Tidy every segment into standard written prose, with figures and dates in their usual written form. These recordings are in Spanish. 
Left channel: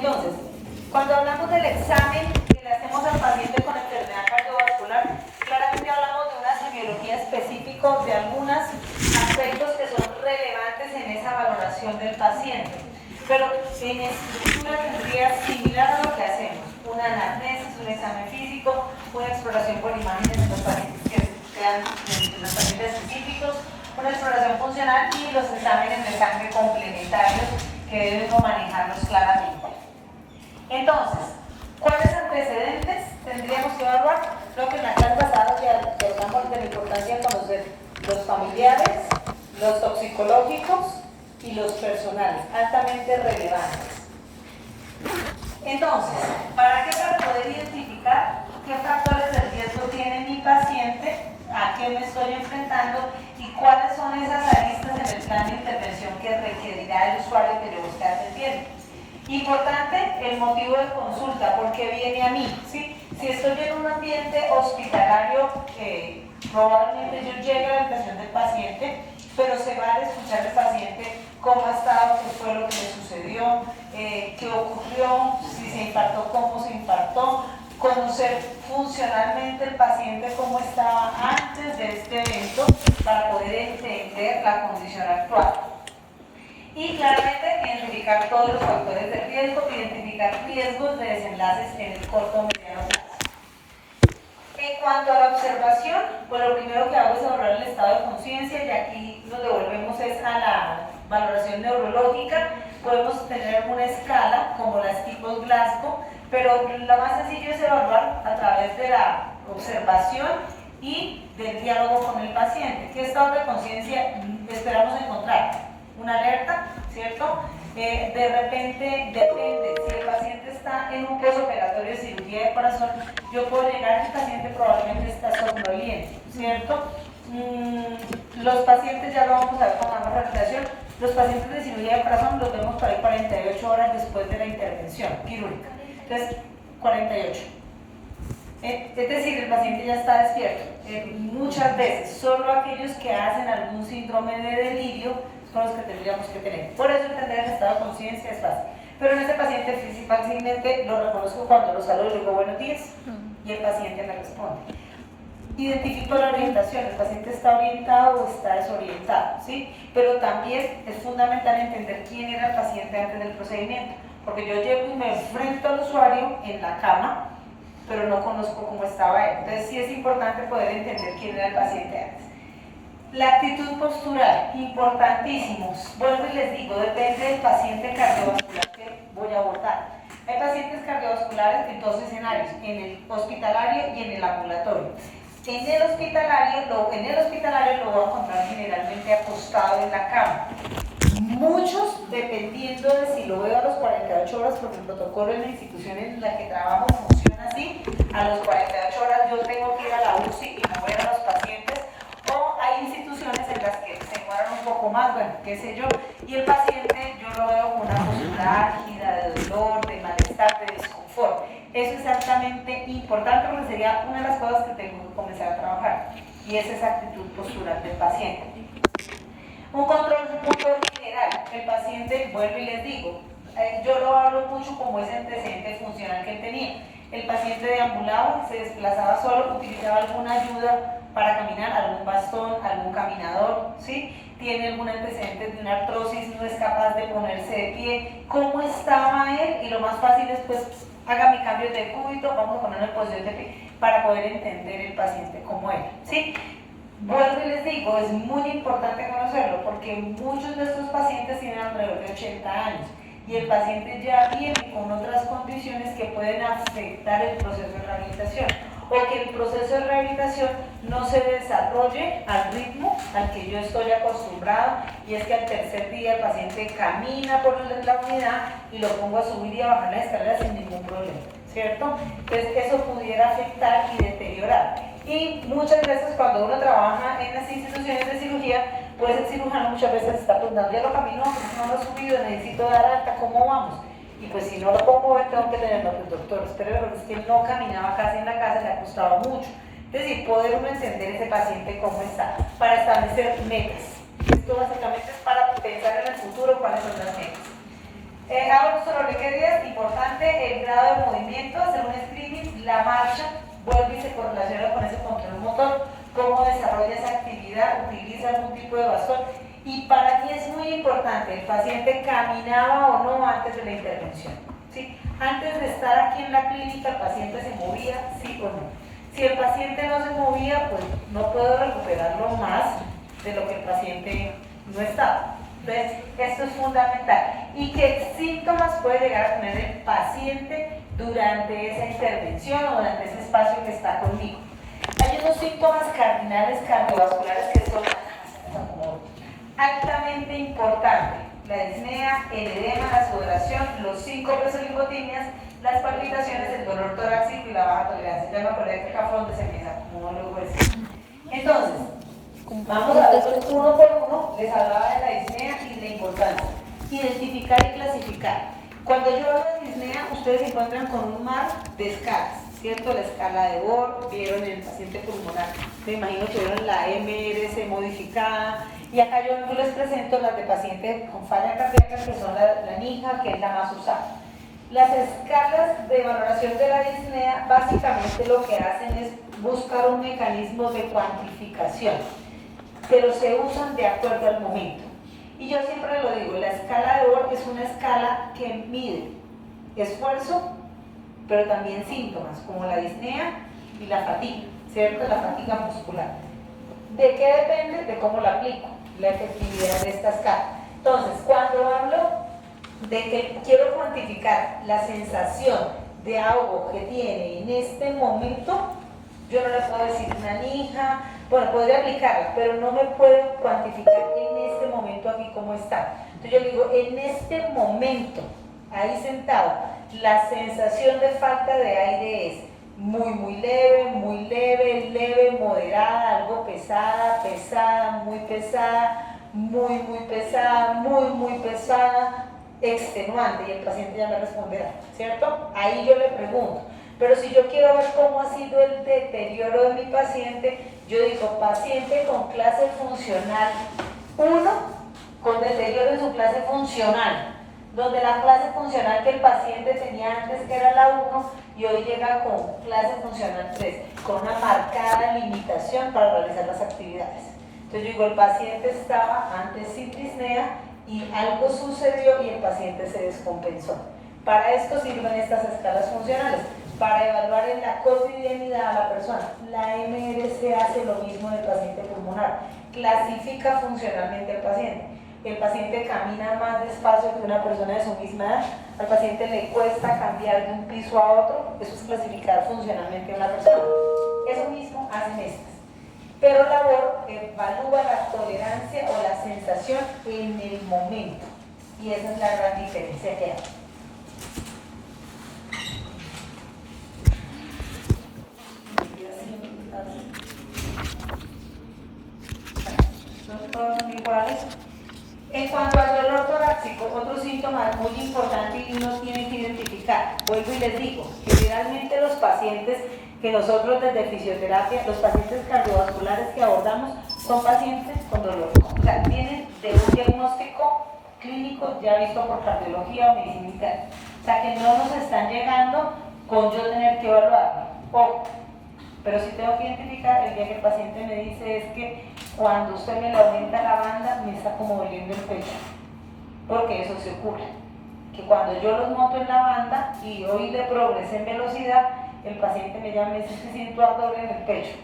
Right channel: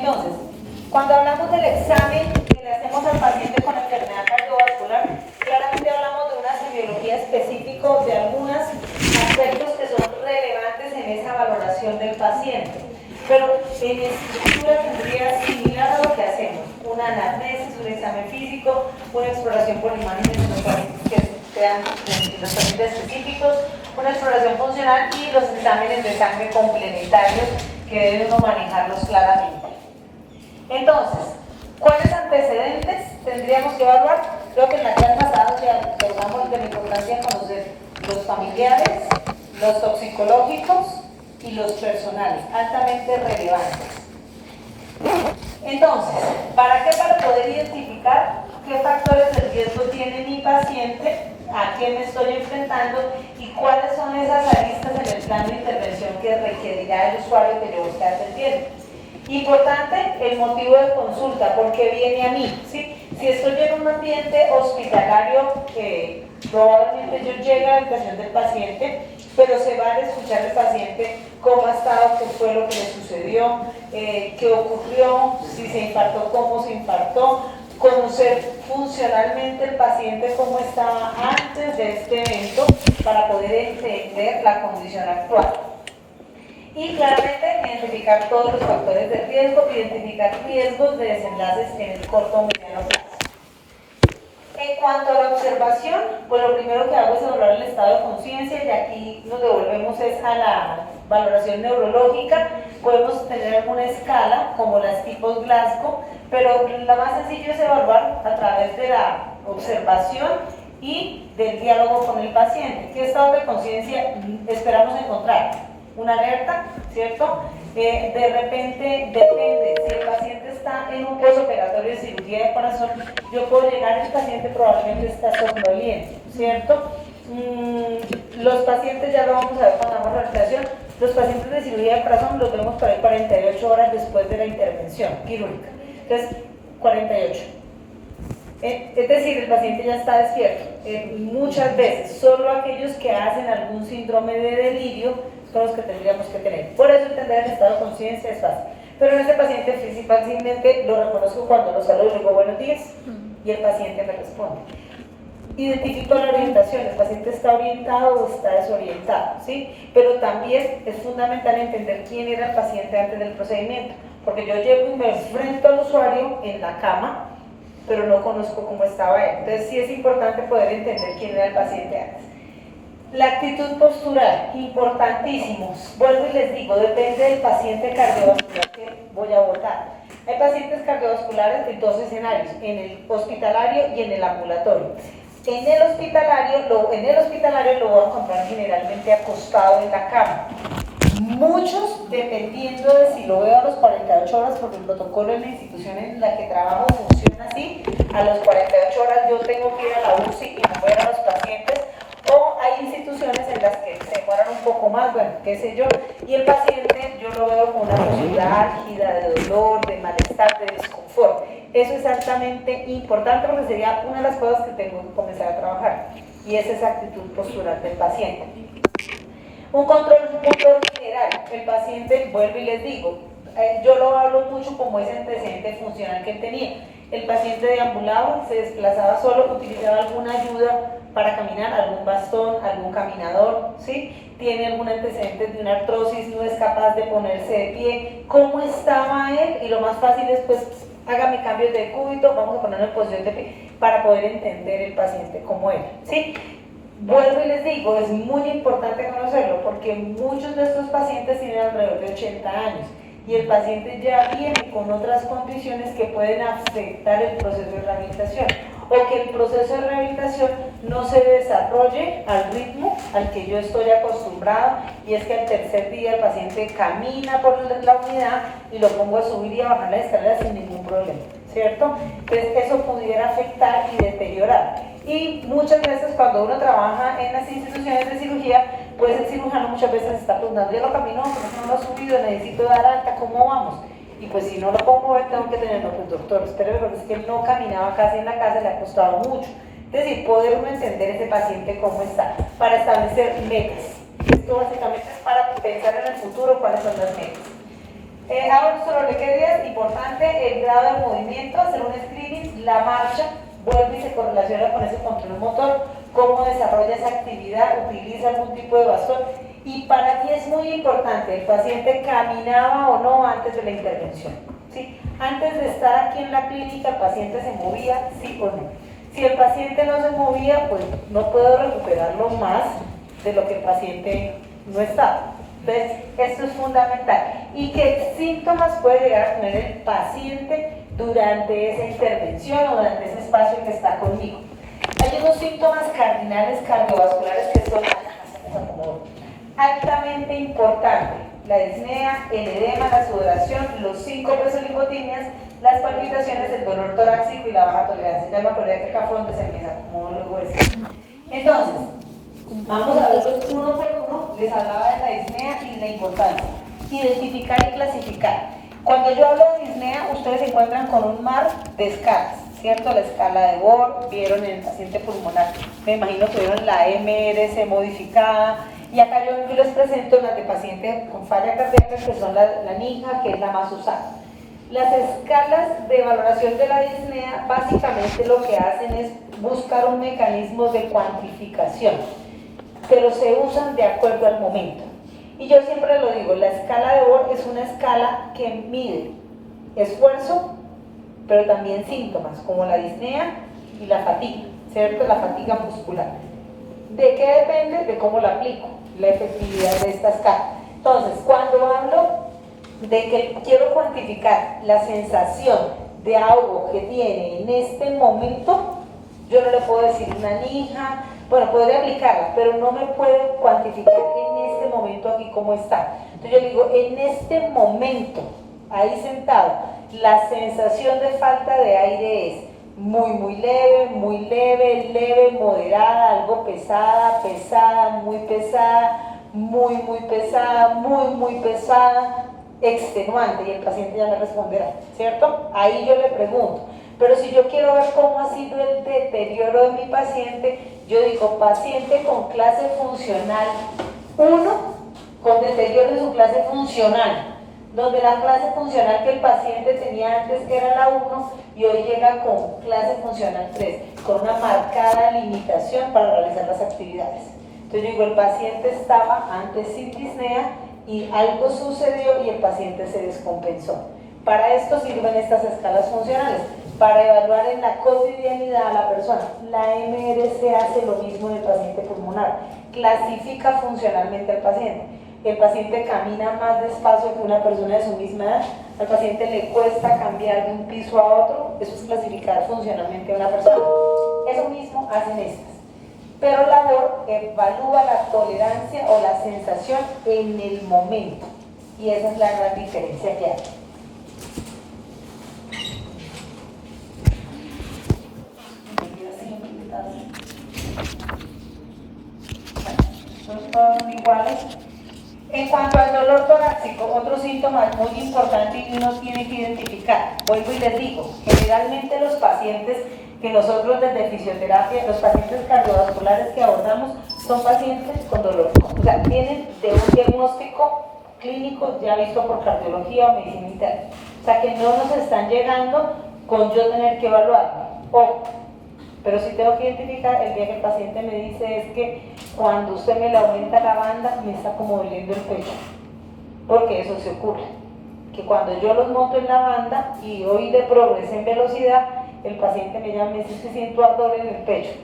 Entonces, cuando hablamos del examen que le hacemos al paciente con enfermedad cardiovascular, claramente hablamos de una semiología específica de algunos aspectos que son relevantes en esa valoración del paciente. Pero en estructura tendría similar a lo que hacemos: una anamnesis, un examen físico, una exploración por imágenes de los pacientes que sean los pacientes específicos, una exploración funcional y los exámenes de sangre complementarios que debemos manejarlos claramente. Entonces, ¿cuáles antecedentes tendríamos que evaluar? Creo que en la clase pasada ya tocamos de la importancia de conocer los familiares, los toxicológicos y los personales, altamente relevantes. Entonces, ¿para qué? Para poder identificar qué factores de riesgo tiene mi paciente, a qué me estoy enfrentando y cuáles son esas aristas en el plan de intervención que requerirá el usuario que yo esté atendiendo. Importante, el motivo de consulta, ¿por qué viene a mí? ¿Sí? Si estoy en un ambiente hospitalario, probablemente yo llegue a la habitación del paciente, pero se va a escuchar al paciente cómo ha estado, qué fue lo que le sucedió, qué ocurrió, si se infartó, cómo se infartó, conocer funcionalmente el paciente cómo estaba antes de este evento para poder entender la condición actual. Y claramente identificar todos los factores de riesgo, identificar riesgos de desenlaces en el corto o mediano plazo. En cuanto a la observación, pues lo primero que hago es evaluar el estado de conciencia y aquí nos devolvemos es a la valoración neurológica. Podemos tener alguna escala como las tipos Glasgow, pero lo más sencillo es evaluar a través de la observación y del diálogo con el paciente. ¿Qué estado de conciencia esperamos encontrar? Una alerta, ¿cierto? De repente, depende, si el paciente está en un postoperatorio de cirugía de corazón, yo puedo llegar, el paciente probablemente está somnoliento, ¿cierto? Los pacientes, ya lo vamos a ver cuando hagamos la rehabilitación, los pacientes de cirugía de corazón los vemos por ahí 48 horas después de la intervención quirúrgica. Entonces, 48. Es decir, el paciente ya está despierto. Muchas veces, solo aquellos que hacen algún síndrome de delirio son los que tendríamos que tener. Por eso entender el estado de conciencia es fácil. Pero en ese paciente fácilmente lo reconozco cuando lo saludo y le digo buenos días y el paciente me responde. Identifico la orientación, el paciente está orientado o está desorientado, ¿sí? Pero también es fundamental entender quién era el paciente antes del procedimiento, porque yo llego y me enfrento al usuario en la cama, pero no conozco cómo estaba él. Entonces sí es importante poder entender quién era el paciente antes. La actitud postural, importantísimo. Vuelvo y les digo, depende del paciente cardiovascular que voy a abordar. Hay pacientes cardiovasculares de dos escenarios, en el hospitalario y en el ambulatorio. En el hospitalario lo voy a encontrar generalmente acostado en la cama. Muchos, dependiendo de si lo veo a los 48 horas, porque el protocolo en la institución en la que trabajo funciona así, a las 48 horas yo tengo que ir a la UCI y mover a los pacientes, o hay instituciones en las que se demoran un poco más, bueno, qué sé yo, y el paciente yo lo veo con una postura álgida, de dolor, de malestar, de desconfort. Eso es altamente importante porque sería una de las cosas que tengo que comenzar a trabajar, y es esa actitud postural del paciente. Un control general, el paciente, vuelvo y les digo, yo lo hablo mucho como ese antecedente funcional que él tenía. El paciente deambulaba, se desplazaba solo, utilizaba alguna ayuda para caminar, algún bastón, algún caminador, ¿sí? Tiene algún antecedente de una artrosis, no es capaz de ponerse de pie. ¿Cómo estaba él? Y lo más fácil es, pues, haga mi cambio de cúbito, vamos a ponerlo en posición de pie, para poder entender el paciente como él, ¿sí? Vuelvo y les digo, es muy importante conocerlo porque muchos de estos pacientes tienen alrededor de 80 años y el paciente ya viene con otras condiciones que pueden afectar el proceso de rehabilitación o que el proceso de rehabilitación no se desarrolle al ritmo al que yo estoy acostumbrado, y es que al tercer día el paciente camina por la unidad y lo pongo a subir y a bajar las escaleras sin ningún problema, ¿cierto? Entonces eso pudiera afectar y deteriorar. Y muchas veces cuando uno trabaja en las instituciones de cirugía, pues el cirujano muchas veces está preguntando, ya lo caminó, no lo ha subido, necesito dar alta, ¿cómo vamos? Y pues si no lo pongo, tengo que tenerlo, pues doctor, espere, pero es que él no caminaba casi en la casa, le ha costado mucho. Es decir, poder uno entender ese paciente cómo está, para establecer metas. Esto básicamente es para pensar en el futuro cuáles son las metas. Ahora solo le queda importante el grado de movimiento, hacer un screening, la marcha, vuelve y se correlaciona con ese control motor, cómo desarrolla esa actividad, utiliza algún tipo de bastón. Y para mí es muy importante, el paciente caminaba o no antes de la intervención. ¿Sí? Antes de estar aquí en la clínica, el paciente se movía, sí o no. Si el paciente no se movía, pues no puedo recuperarlo más de lo que el paciente no estaba. Entonces, esto es fundamental. ¿Y qué síntomas puede llegar a tener el paciente durante esa intervención o durante ese espacio que está conmigo? Hay unos síntomas cardinales cardiovasculares que son altamente importantes: la disnea, el edema, la sudoración, los síncope lipotimias, las palpitaciones, el dolor torácico y la baja tolerancia. Ya me acordé que acá fue donde se empieza, como luego es. Entonces, vamos a ver uno por uno. Les hablaba de la disnea y la importancia. Identificar y clasificar. Cuando yo hablo de disnea, ustedes se encuentran con un mar de escalas, ¿cierto? La escala de Bohr, vieron en el paciente pulmonar, me imagino que vieron la MRC modificada, y acá yo les presento las de pacientes con falla cardíaca, que son la NIHA, que es la más usada. Las escalas de valoración de la disnea básicamente lo que hacen es buscar un mecanismo de cuantificación, pero se usan de acuerdo al momento. Y yo siempre lo digo, la escala de Bohr es una escala que mide esfuerzo, pero también síntomas, como la disnea y la fatiga, ¿cierto? La fatiga muscular. ¿De qué depende? De cómo la aplico, la efectividad de esta escala. Entonces, cuando hablo de que quiero cuantificar la sensación de algo que tiene en este momento, yo no le puedo decir una NIHA, bueno, podría aplicarla, pero no me puedo cuantificar en este momento aquí cómo está. Entonces yo digo, en este momento, ahí sentado, la sensación de falta de aire es muy leve, leve, moderada, algo pesada, muy pesada, muy pesada, muy pesada, extenuante, y el paciente ya me responderá, ¿cierto? Ahí yo le pregunto. Pero si yo quiero ver cómo ha sido el deterioro de mi paciente, yo digo, paciente con clase funcional 1, con deterioro de su clase funcional, donde la clase funcional que el paciente tenía antes, que era la 1, y hoy llega con clase funcional 3, con una marcada limitación para realizar las actividades. Entonces yo digo, el paciente estaba antes sin disnea y algo sucedió y el paciente se descompensó. Para esto sirven estas escalas funcionales, para evaluar en la cotidianidad a la persona. La MRC hace lo mismo en el paciente pulmonar, clasifica funcionalmente al paciente. El paciente camina más despacio que una persona de su misma edad, al paciente le cuesta cambiar de un piso a otro, eso es clasificar funcionalmente a una persona. Eso mismo hacen estas. Pero la Bohr evalúa la tolerancia o la sensación en el momento, y esa es la gran diferencia que hay. Son iguales. En cuanto al dolor torácico, otro síntoma muy importante y uno tiene que identificar. Vuelvo y les digo, generalmente los pacientes que nosotros desde fisioterapia, los pacientes cardiovasculares que abordamos, son pacientes con dolor. O sea, vienen de un diagnóstico clínico ya visto por cardiología o medicina interna. O sea, que no nos están llegando con yo tener que evaluarlo. Ojo. Pero sí tengo que identificar el día que el paciente me dice es que cuando usted me le aumenta la banda me está como doliendo el pecho, porque eso se ocurre, que cuando yo los monto en la banda y hoy de progreso en velocidad, el paciente me llama y me dice que siento ardor en el pecho.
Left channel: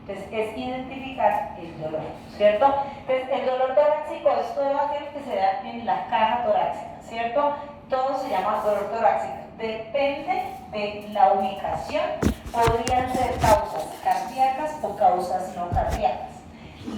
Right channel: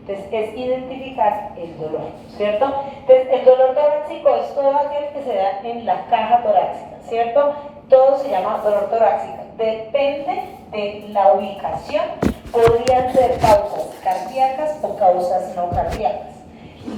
Entonces es identificar el dolor, ¿cierto? Entonces el dolor torácico es todo aquel que se da en la caja torácica, ¿cierto? Todo se llama dolor torácico, depende de la ubicación. Podrían ser causas cardíacas o causas no cardíacas.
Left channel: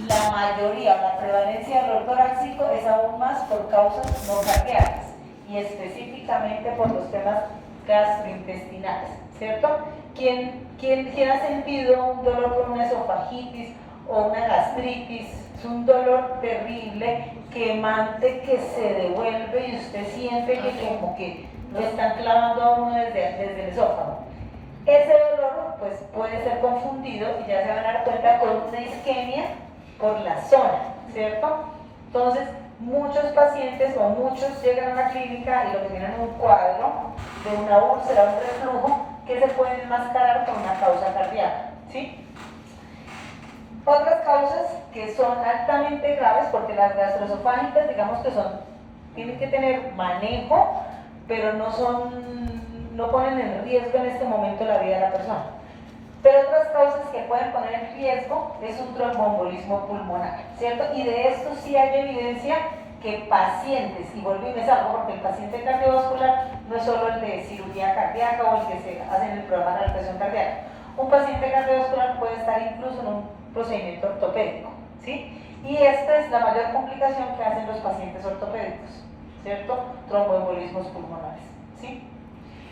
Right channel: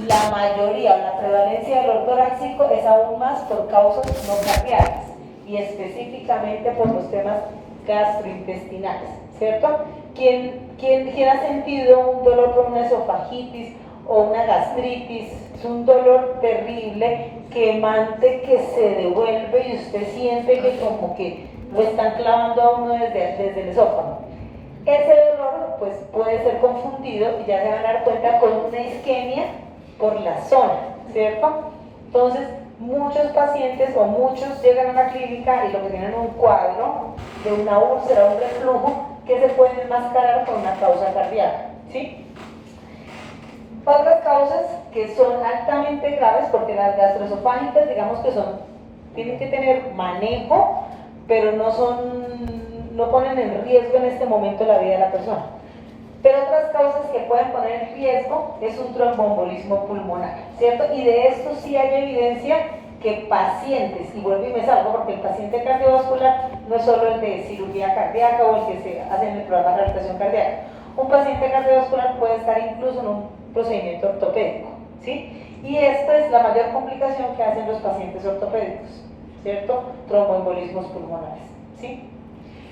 La mayoría, la prevalencia del dolor torácico es aún más por causas no cardíacas y específicamente por los temas gastrointestinales, ¿cierto? ¿Quién ha sentido un dolor por una esofagitis o una gastritis? Es un dolor terrible, quemante, que se devuelve y usted siente que como que lo están clavando a uno desde el esófago. Ese dolor pues, puede ser confundido y ya se van a dar cuenta con una isquemia por la zona, ¿cierto? Entonces, muchos pacientes o muchos llegan a una clínica y lo que tienen es un cuadro de una úlcera, un reflujo, que se puede enmascarar con una causa cardíaca, ¿sí? Otras causas que son altamente graves, porque las gastroesofágicas, digamos que tienen que tener manejo, pero no ponen en riesgo en este momento la vida de la persona. Pero otras causas que pueden poner en riesgo es un tromboembolismo pulmonar, ¿cierto? Y de esto sí hay evidencia que pacientes, y vuelvo y me salgo porque el paciente cardiovascular no es solo el de cirugía cardíaca o el que se hace en el programa de rehabilitación cardíaca. Un paciente cardiovascular puede estar incluso en un procedimiento ortopédico, ¿sí? Y esta es la mayor complicación que hacen los pacientes ortopédicos, ¿cierto? Tromboembolismos pulmonares, ¿sí?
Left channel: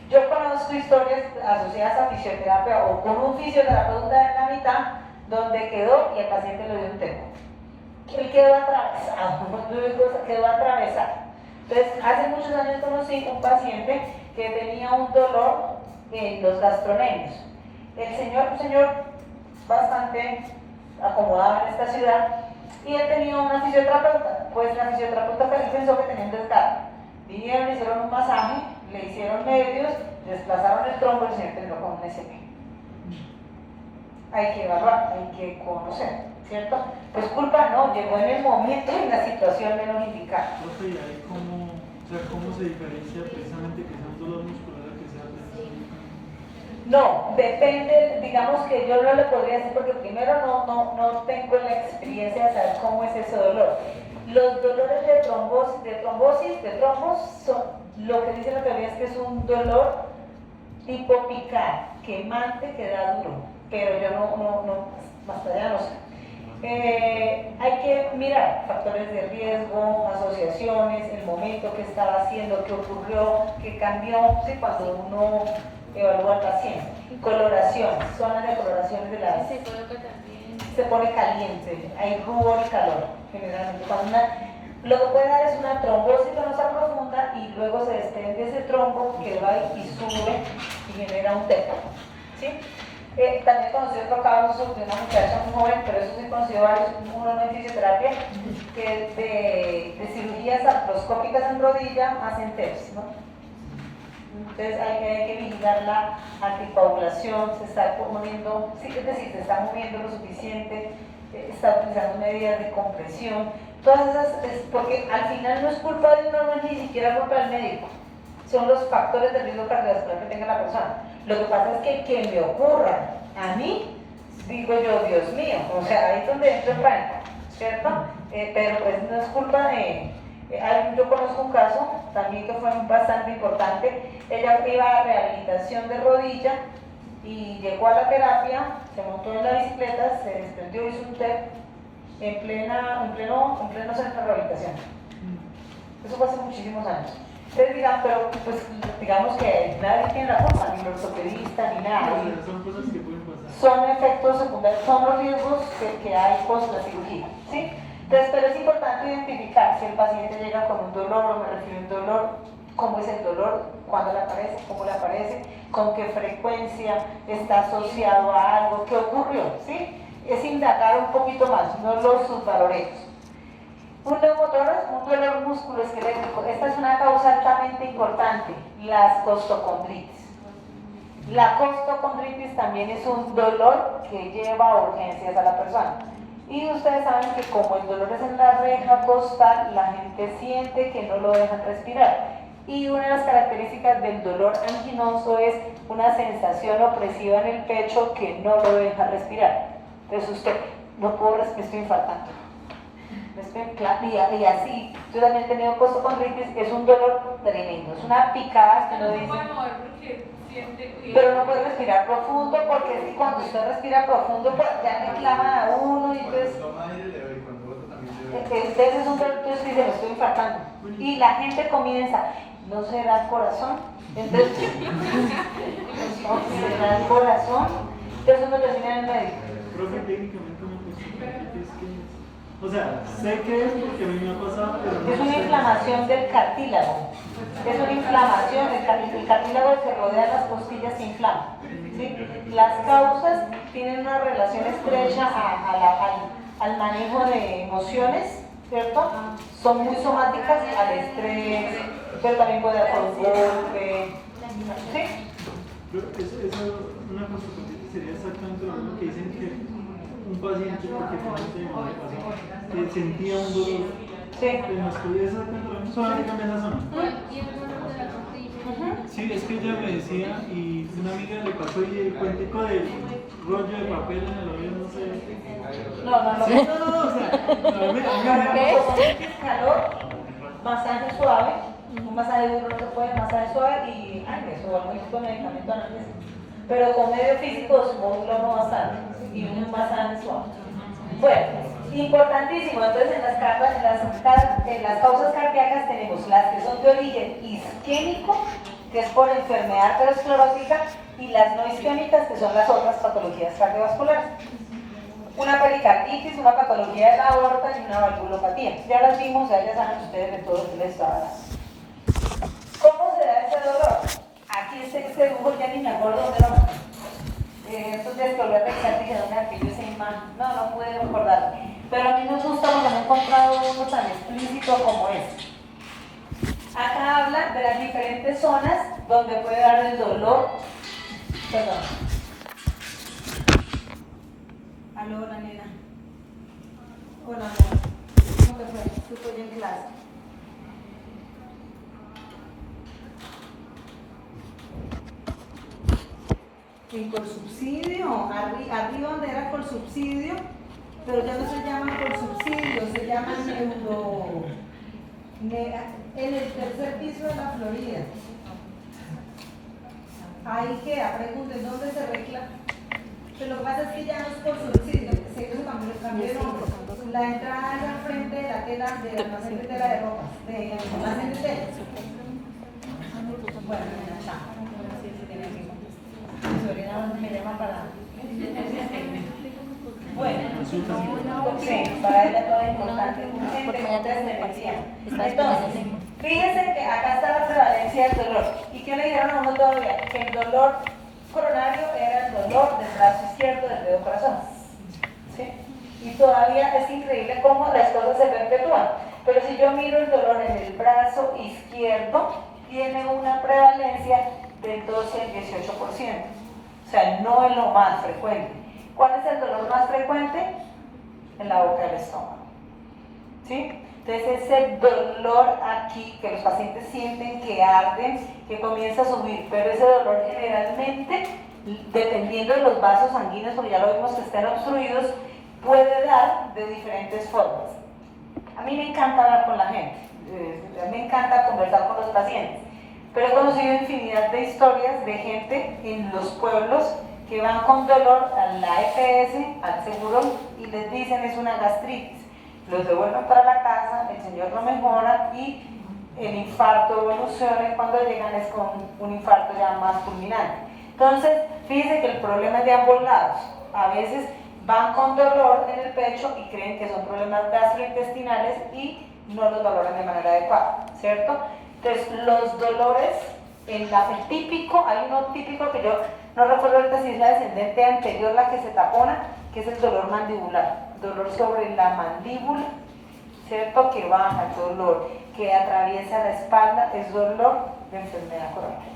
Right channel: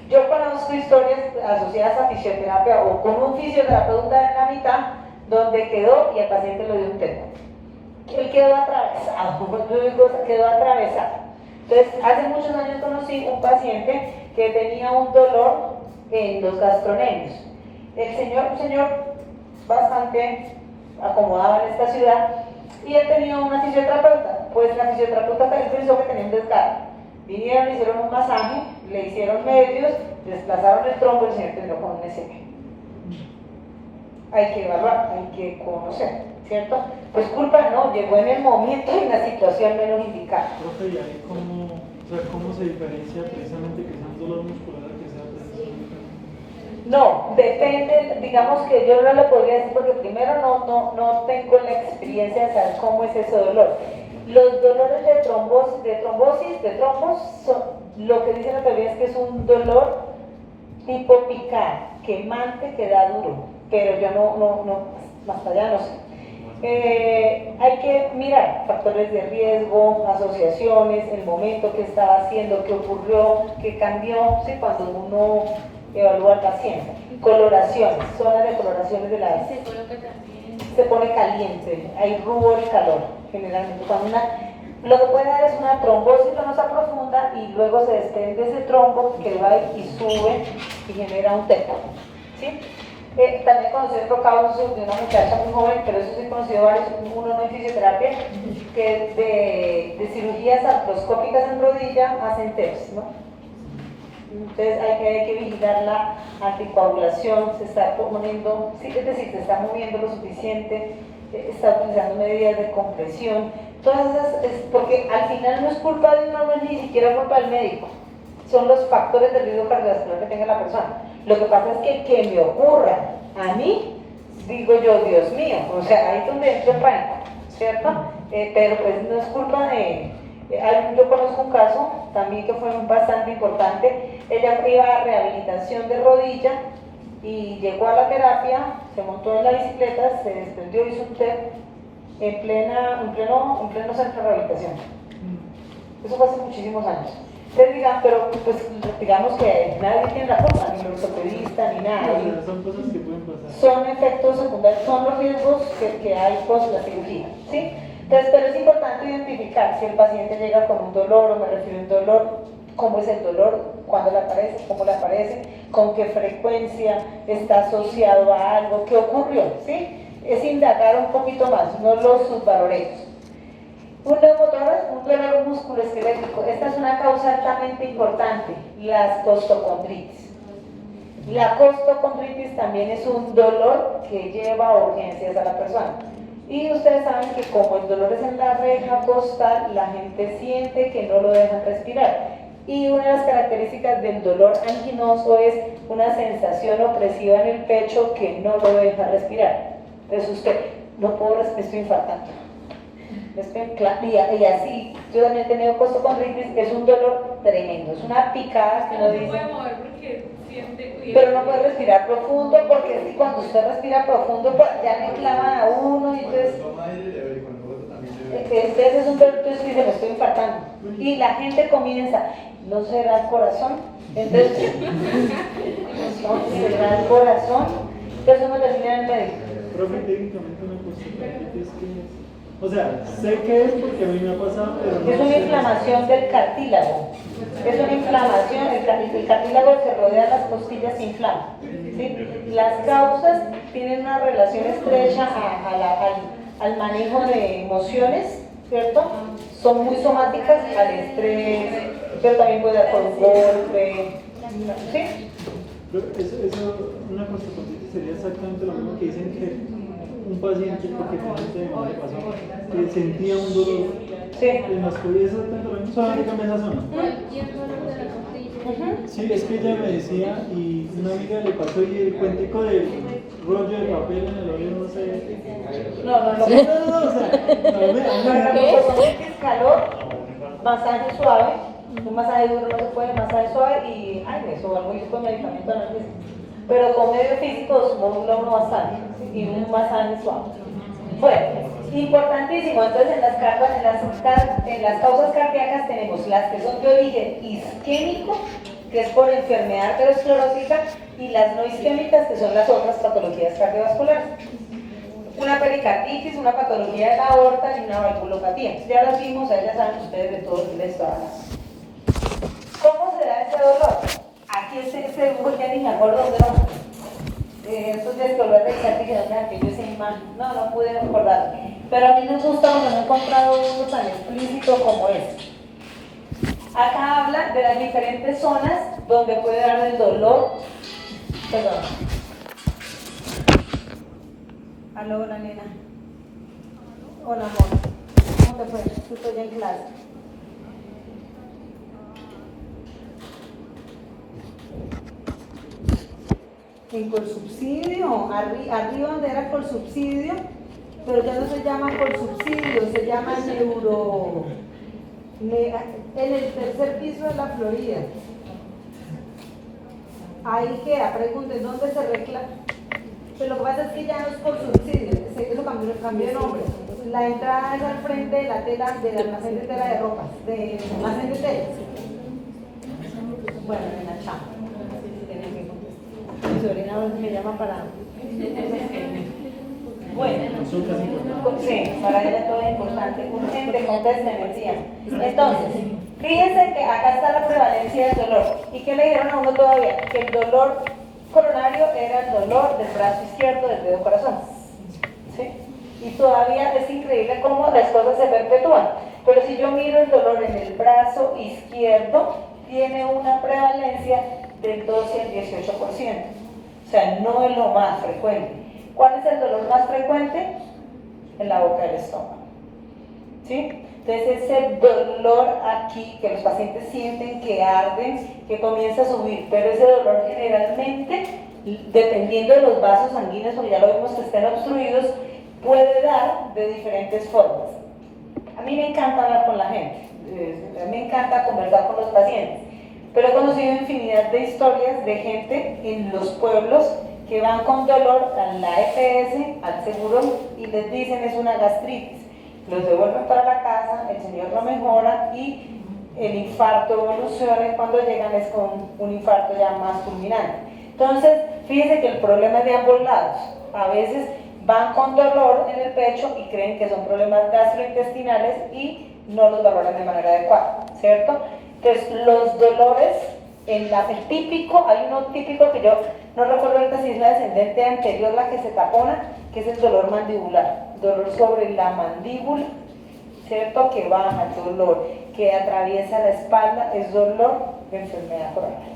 Yo conozco historias asociadas a fisioterapia o con un fisioterapeuta en la mitad donde quedó y el paciente lo dio un tempo. Él quedó atravesado, quedó atravesado. Entonces, hace muchos años conocí un paciente que tenía un dolor en los gastronemios. Un señor bastante acomodado en esta ciudad, y él tenía una fisioterapeuta. Pues la fisioterapeuta pensó que tenía un desgarro. Vinieron, le hicieron un masaje, le hicieron medios, desplazaron el trombo y el señor terminó con un SP. Hay que evaluar, hay que conocer, ¿cierto? Pues culpa no, llegó en el momento y en la situación menos indicada. Profe, ¿y ahí cómo se diferencia precisamente que sea un dolor muscular que sea tensión? No, depende, digamos que yo no lo podría decir porque primero no tengo la experiencia de saber cómo es ese dolor. Los dolores de trombos, lo que dice la teoría es que es un dolor tipo picar, quemante, que da duro, pero yo más allá no sé. Hay que mirar factores de riesgo, asociaciones, el momento que estaba haciendo, qué ocurrió, qué cambió, ¿sí? Cuando uno evalúa al paciente. Coloraciones, zonas de coloraciones de la... Se coloca también. Se pone caliente, hay rubor y calor, generalmente. Lo que puede dar es una trombosis venosa profunda y luego se desprende ese trombo que va y sube y genera un teco, ¿sí? También conocí otro caso de una muchacha muy joven, pero eso sí he conocido varios, uno en fisioterapia, que de cirugías artroscópicas en rodilla hacen TEPS, ¿no? Entonces hay que vigilar la anticoagulación, se está poniendo, sí, es decir, se está moviendo lo suficiente, está utilizando medidas de compresión, todas esas, porque al final no es culpa de uno, no es ni siquiera culpa del médico, son los factores de riesgo cardiovascular que tenga la persona. Lo que pasa es que me ocurra a mí, digo yo, Dios mío, o sea, ahí es donde entro en pánico, ¿cierto? Pero pues no es culpa de... Yo conozco un caso también que fue bastante importante. Ella iba a rehabilitación de rodilla y llegó a la terapia, se montó en la bicicleta, se desprendió, hizo un TEP en pleno centro de rehabilitación. Eso fue hace muchísimos años. Ustedes digan, pero pues digamos que nadie tiene la culpa, ni los ortopedistas, ni nada. No, son cosas que pueden pasar. Son efectos secundarios, son los riesgos que hay post la cirugía, ¿sí? Entonces, pero es importante identificar si el paciente llega con un dolor, o me refiero a un dolor, cómo es el dolor, cuándo le aparece, cómo le aparece, con qué frecuencia, está asociado a algo, qué ocurrió, ¿sí? Es indagar un poquito más, no los subvaloremos. Un dolor musculoesquelético, esta es una causa altamente importante, las costocondritis. La costocondritis también es un dolor que lleva a urgencias a la persona. Y ustedes saben que como el dolor es en la reja costal, la gente siente que no lo dejan respirar. Y una de las características del dolor anginoso es una sensación opresiva en el pecho que no lo deja respirar. Entonces usted, no puedo respirar, estoy infartando. Y así, yo también he tenido costocondritis, es un dolor tremendo, es una picada que uno dice... Pero no puede respirar profundo porque cuando usted respira profundo ya le clavan a uno y entonces es un dolor que usted dice, me estoy infartando. Y la gente comienza, ¿no será el corazón? Entonces, ¿será el corazón? Entonces uno termina en el médico. Profe, técnicamente una costocondritis, ¿qué es? O sea, sé que es porque a mí me ha pasado, pero no es una sé. inflamación del cartílago. Es una inflamación, el cartílago que rodea las costillas se inflama. ¿Sí? Las causas tienen una relación estrecha al manejo de emociones ¿cierto? Son muy somáticas al estrés, pero también puede dar por un golpe, ¿sí? Pero eso, una consecuencia sería exactamente lo mismo que dicen que un paciente, porque finalmente me pasó, que sentía un dolor en las costillas, exactamente lo mismo, solamente cambia esa zona. Y el dolor de la costilla. Sí, es que ella me decía, y una amiga le pasó y el cuentico del rollo de papel en el oído, no sé. No, No, o sea, a mí ¿Qué? Calor, masaje suave, un masaje duro no se puede, masaje suave y me subo algo con medicamento analgésico. Pero con medio físico modula uno bastante y un masaje suave. Bueno, importantísimo, entonces en las causas cardíacas tenemos las que son de origen isquémico, que es por enfermedad aterosclerótica, y las no isquémicas, que son las otras patologías cardiovasculares. Una pericarditis, una patología de la aorta y una valvulopatía. Ya las vimos, ya saben ustedes de todo lo que les estaba hablando. ¿Cómo se da ese dolor? Aquí este dibujo ya ni me acuerdo dónde lo estos días que volví a pensar que yo esa imagen, no pude recordar. Pero a mí me gusta cuando me he encontrado uno tan explícito como este. Acá habla de las diferentes zonas donde puede dar el dolor. Perdón. Aló, hola nena. Hola amor. ¿Cómo te fue? Estoy en clase. En Colsubsidio, arriba donde era Colsubsidio, pero ya no se llama Colsubsidio, se llama en el tercer piso de la Florida. Ahí queda, pregunten, ¿dónde se reclama? Pero lo que pasa es que ya no es Colsubsidio, se cambió de nombre. La entrada es al frente de la tela, del almacén de tela de ropas, del almacén de tela. Bueno, en la chamba. Mi sobrina a veces me llama para... Bueno, sí, para ella todo es importante. Urgente, contesten el tiempo. Entonces, fíjense que acá está la prevalencia del dolor. ¿Y qué le dijeron a uno todavía? Que el dolor coronario era el dolor del brazo izquierdo del dedo corazón. ¿Sí? Y todavía es increíble cómo las cosas se perpetúan. Pero si yo miro el dolor en el brazo izquierdo, tiene una prevalencia del 12 al 18%. O sea, no es lo más frecuente. ¿Cuál es el dolor más frecuente? En la boca del estómago. ¿Sí? Entonces ese dolor aquí que los pacientes sienten que arden, que comienza a subir, pero ese dolor generalmente, dependiendo de los vasos sanguíneos, porque ya lo vimos que estén obstruidos, puede dar de diferentes formas. A mí me encanta hablar con la gente, me encanta conversar con los pacientes. Pero he conocido infinidad de historias de gente en los pueblos que van con dolor a la EPS, al seguro, y les dicen es una gastritis. Los devuelven para la casa, el señor lo mejora y el infarto evoluciona y cuando llegan es con un infarto ya más fulminante. Entonces, fíjense que el problema es de ambos lados. A veces van con dolor en el pecho y creen que son problemas gastrointestinales y no los valoran de manera adecuada, ¿cierto? Entonces, los dolores, el típico, hay uno típico que yo no recuerdo ahorita si es la descendente anterior la que se tapona, que es el dolor mandibular, dolor sobre la mandíbula, ¿cierto? Que baja el dolor, que atraviesa la espalda, es dolor de enfermedad coronaria.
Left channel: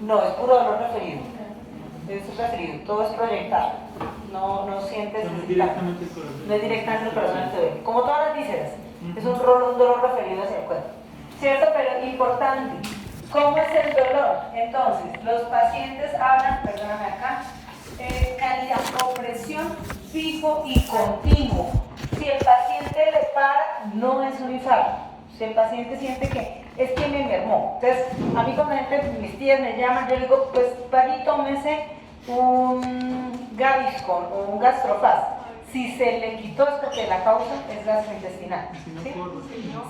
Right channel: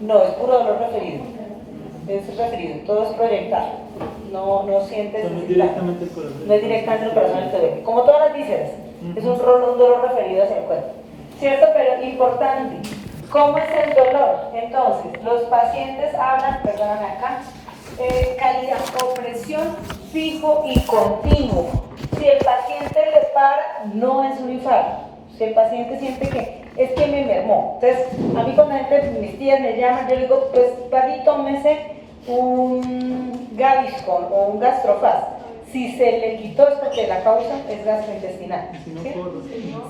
No, es puro dolor referido. Es referido, todo es proyectado. No sientes. No es directamente el corazón. No es directamente el corazón el que duele. Como todas las vísceras, es un dolor referido hacia el cuerpo. ¿Cierto? Pero importante. ¿Cómo es el dolor? Entonces, los pacientes hablan, perdóname acá, calidad o presión fijo y continuo. Si el paciente le para, no es un infarto. Si el paciente siente que es que me mermó. Entonces, a mí cuando mis tías me llaman, yo digo, pues vaya y tómese un Gaviscon o un Gastrofast. Si se le quitó es porque la causa es gastrointestinal. ¿Sí?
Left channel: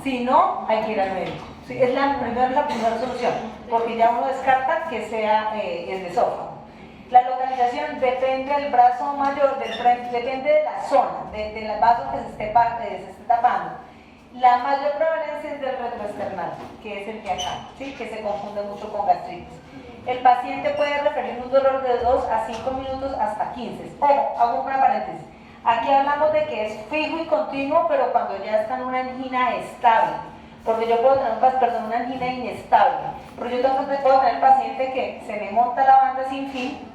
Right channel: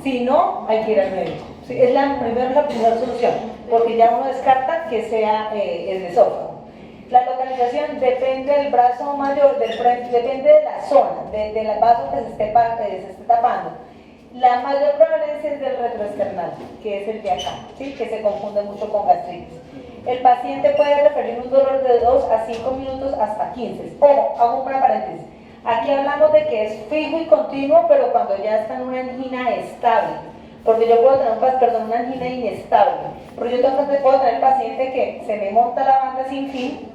Si no, hay que ir al médico. ¿Sí? Es la primera solución, porque ya uno descarta que sea el esófago. La localización depende del brazo mayor, depende de la zona, del vaso que se esté tapando. La mayor prevalencia es del retroesternal, que es el de acá, ¿sí? Que se confunde mucho con gastritis. El paciente puede referir un dolor de 2 a 5 minutos hasta 15. Ojo, hago una paréntesis. Aquí hablamos de que es fijo y continuo, pero cuando ya está en una angina estable. Porque yo puedo tener una angina inestable. Porque yo puedo tener paciente que se me monta la banda sin fin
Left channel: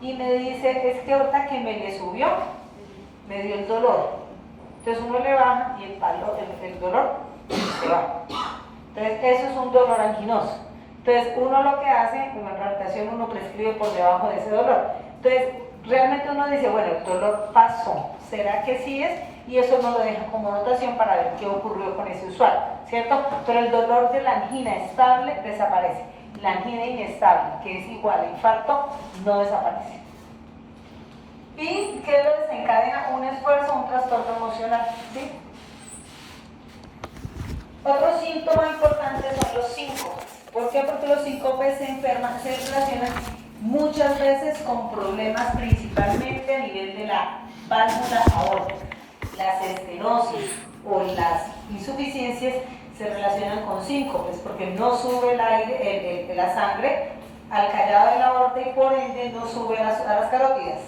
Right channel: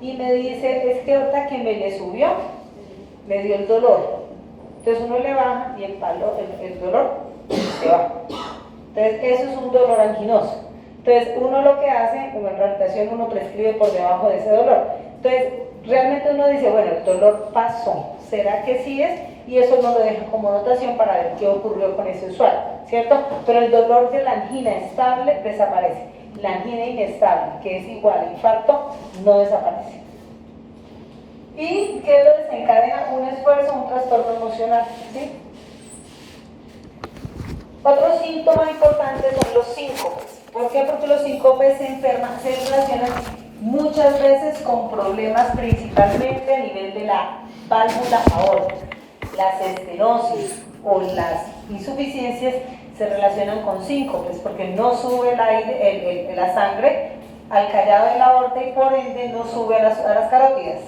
y me dice, es que ahorita que me le subió, me dio el dolor. Entonces uno le baja y el dolor se va. Entonces eso es un dolor anginoso. Entonces uno lo que hace, en la rehabilitación uno prescribe por debajo de ese dolor. Entonces realmente uno dice, bueno, el dolor pasó, ¿será que sí es? Y eso uno lo deja como notación para ver qué ocurrió con ese usuario, ¿cierto? Pero el dolor de la angina estable desaparece. La angina inestable, que es igual a infarto, no desaparece. ¿Y qué lo desencadena? Un esfuerzo, un trastorno emocional, ¿sí? Otro síntoma importante son los síncopes. ¿Por qué? Porque los síncopes se relacionan muchas veces con problemas principalmente a nivel de la válvula aórtica. Las estenosis o las insuficiencias se relacionan con síncopes porque no sube el aire, la sangre al callado de la aorta y por ende no sube a las carótidas.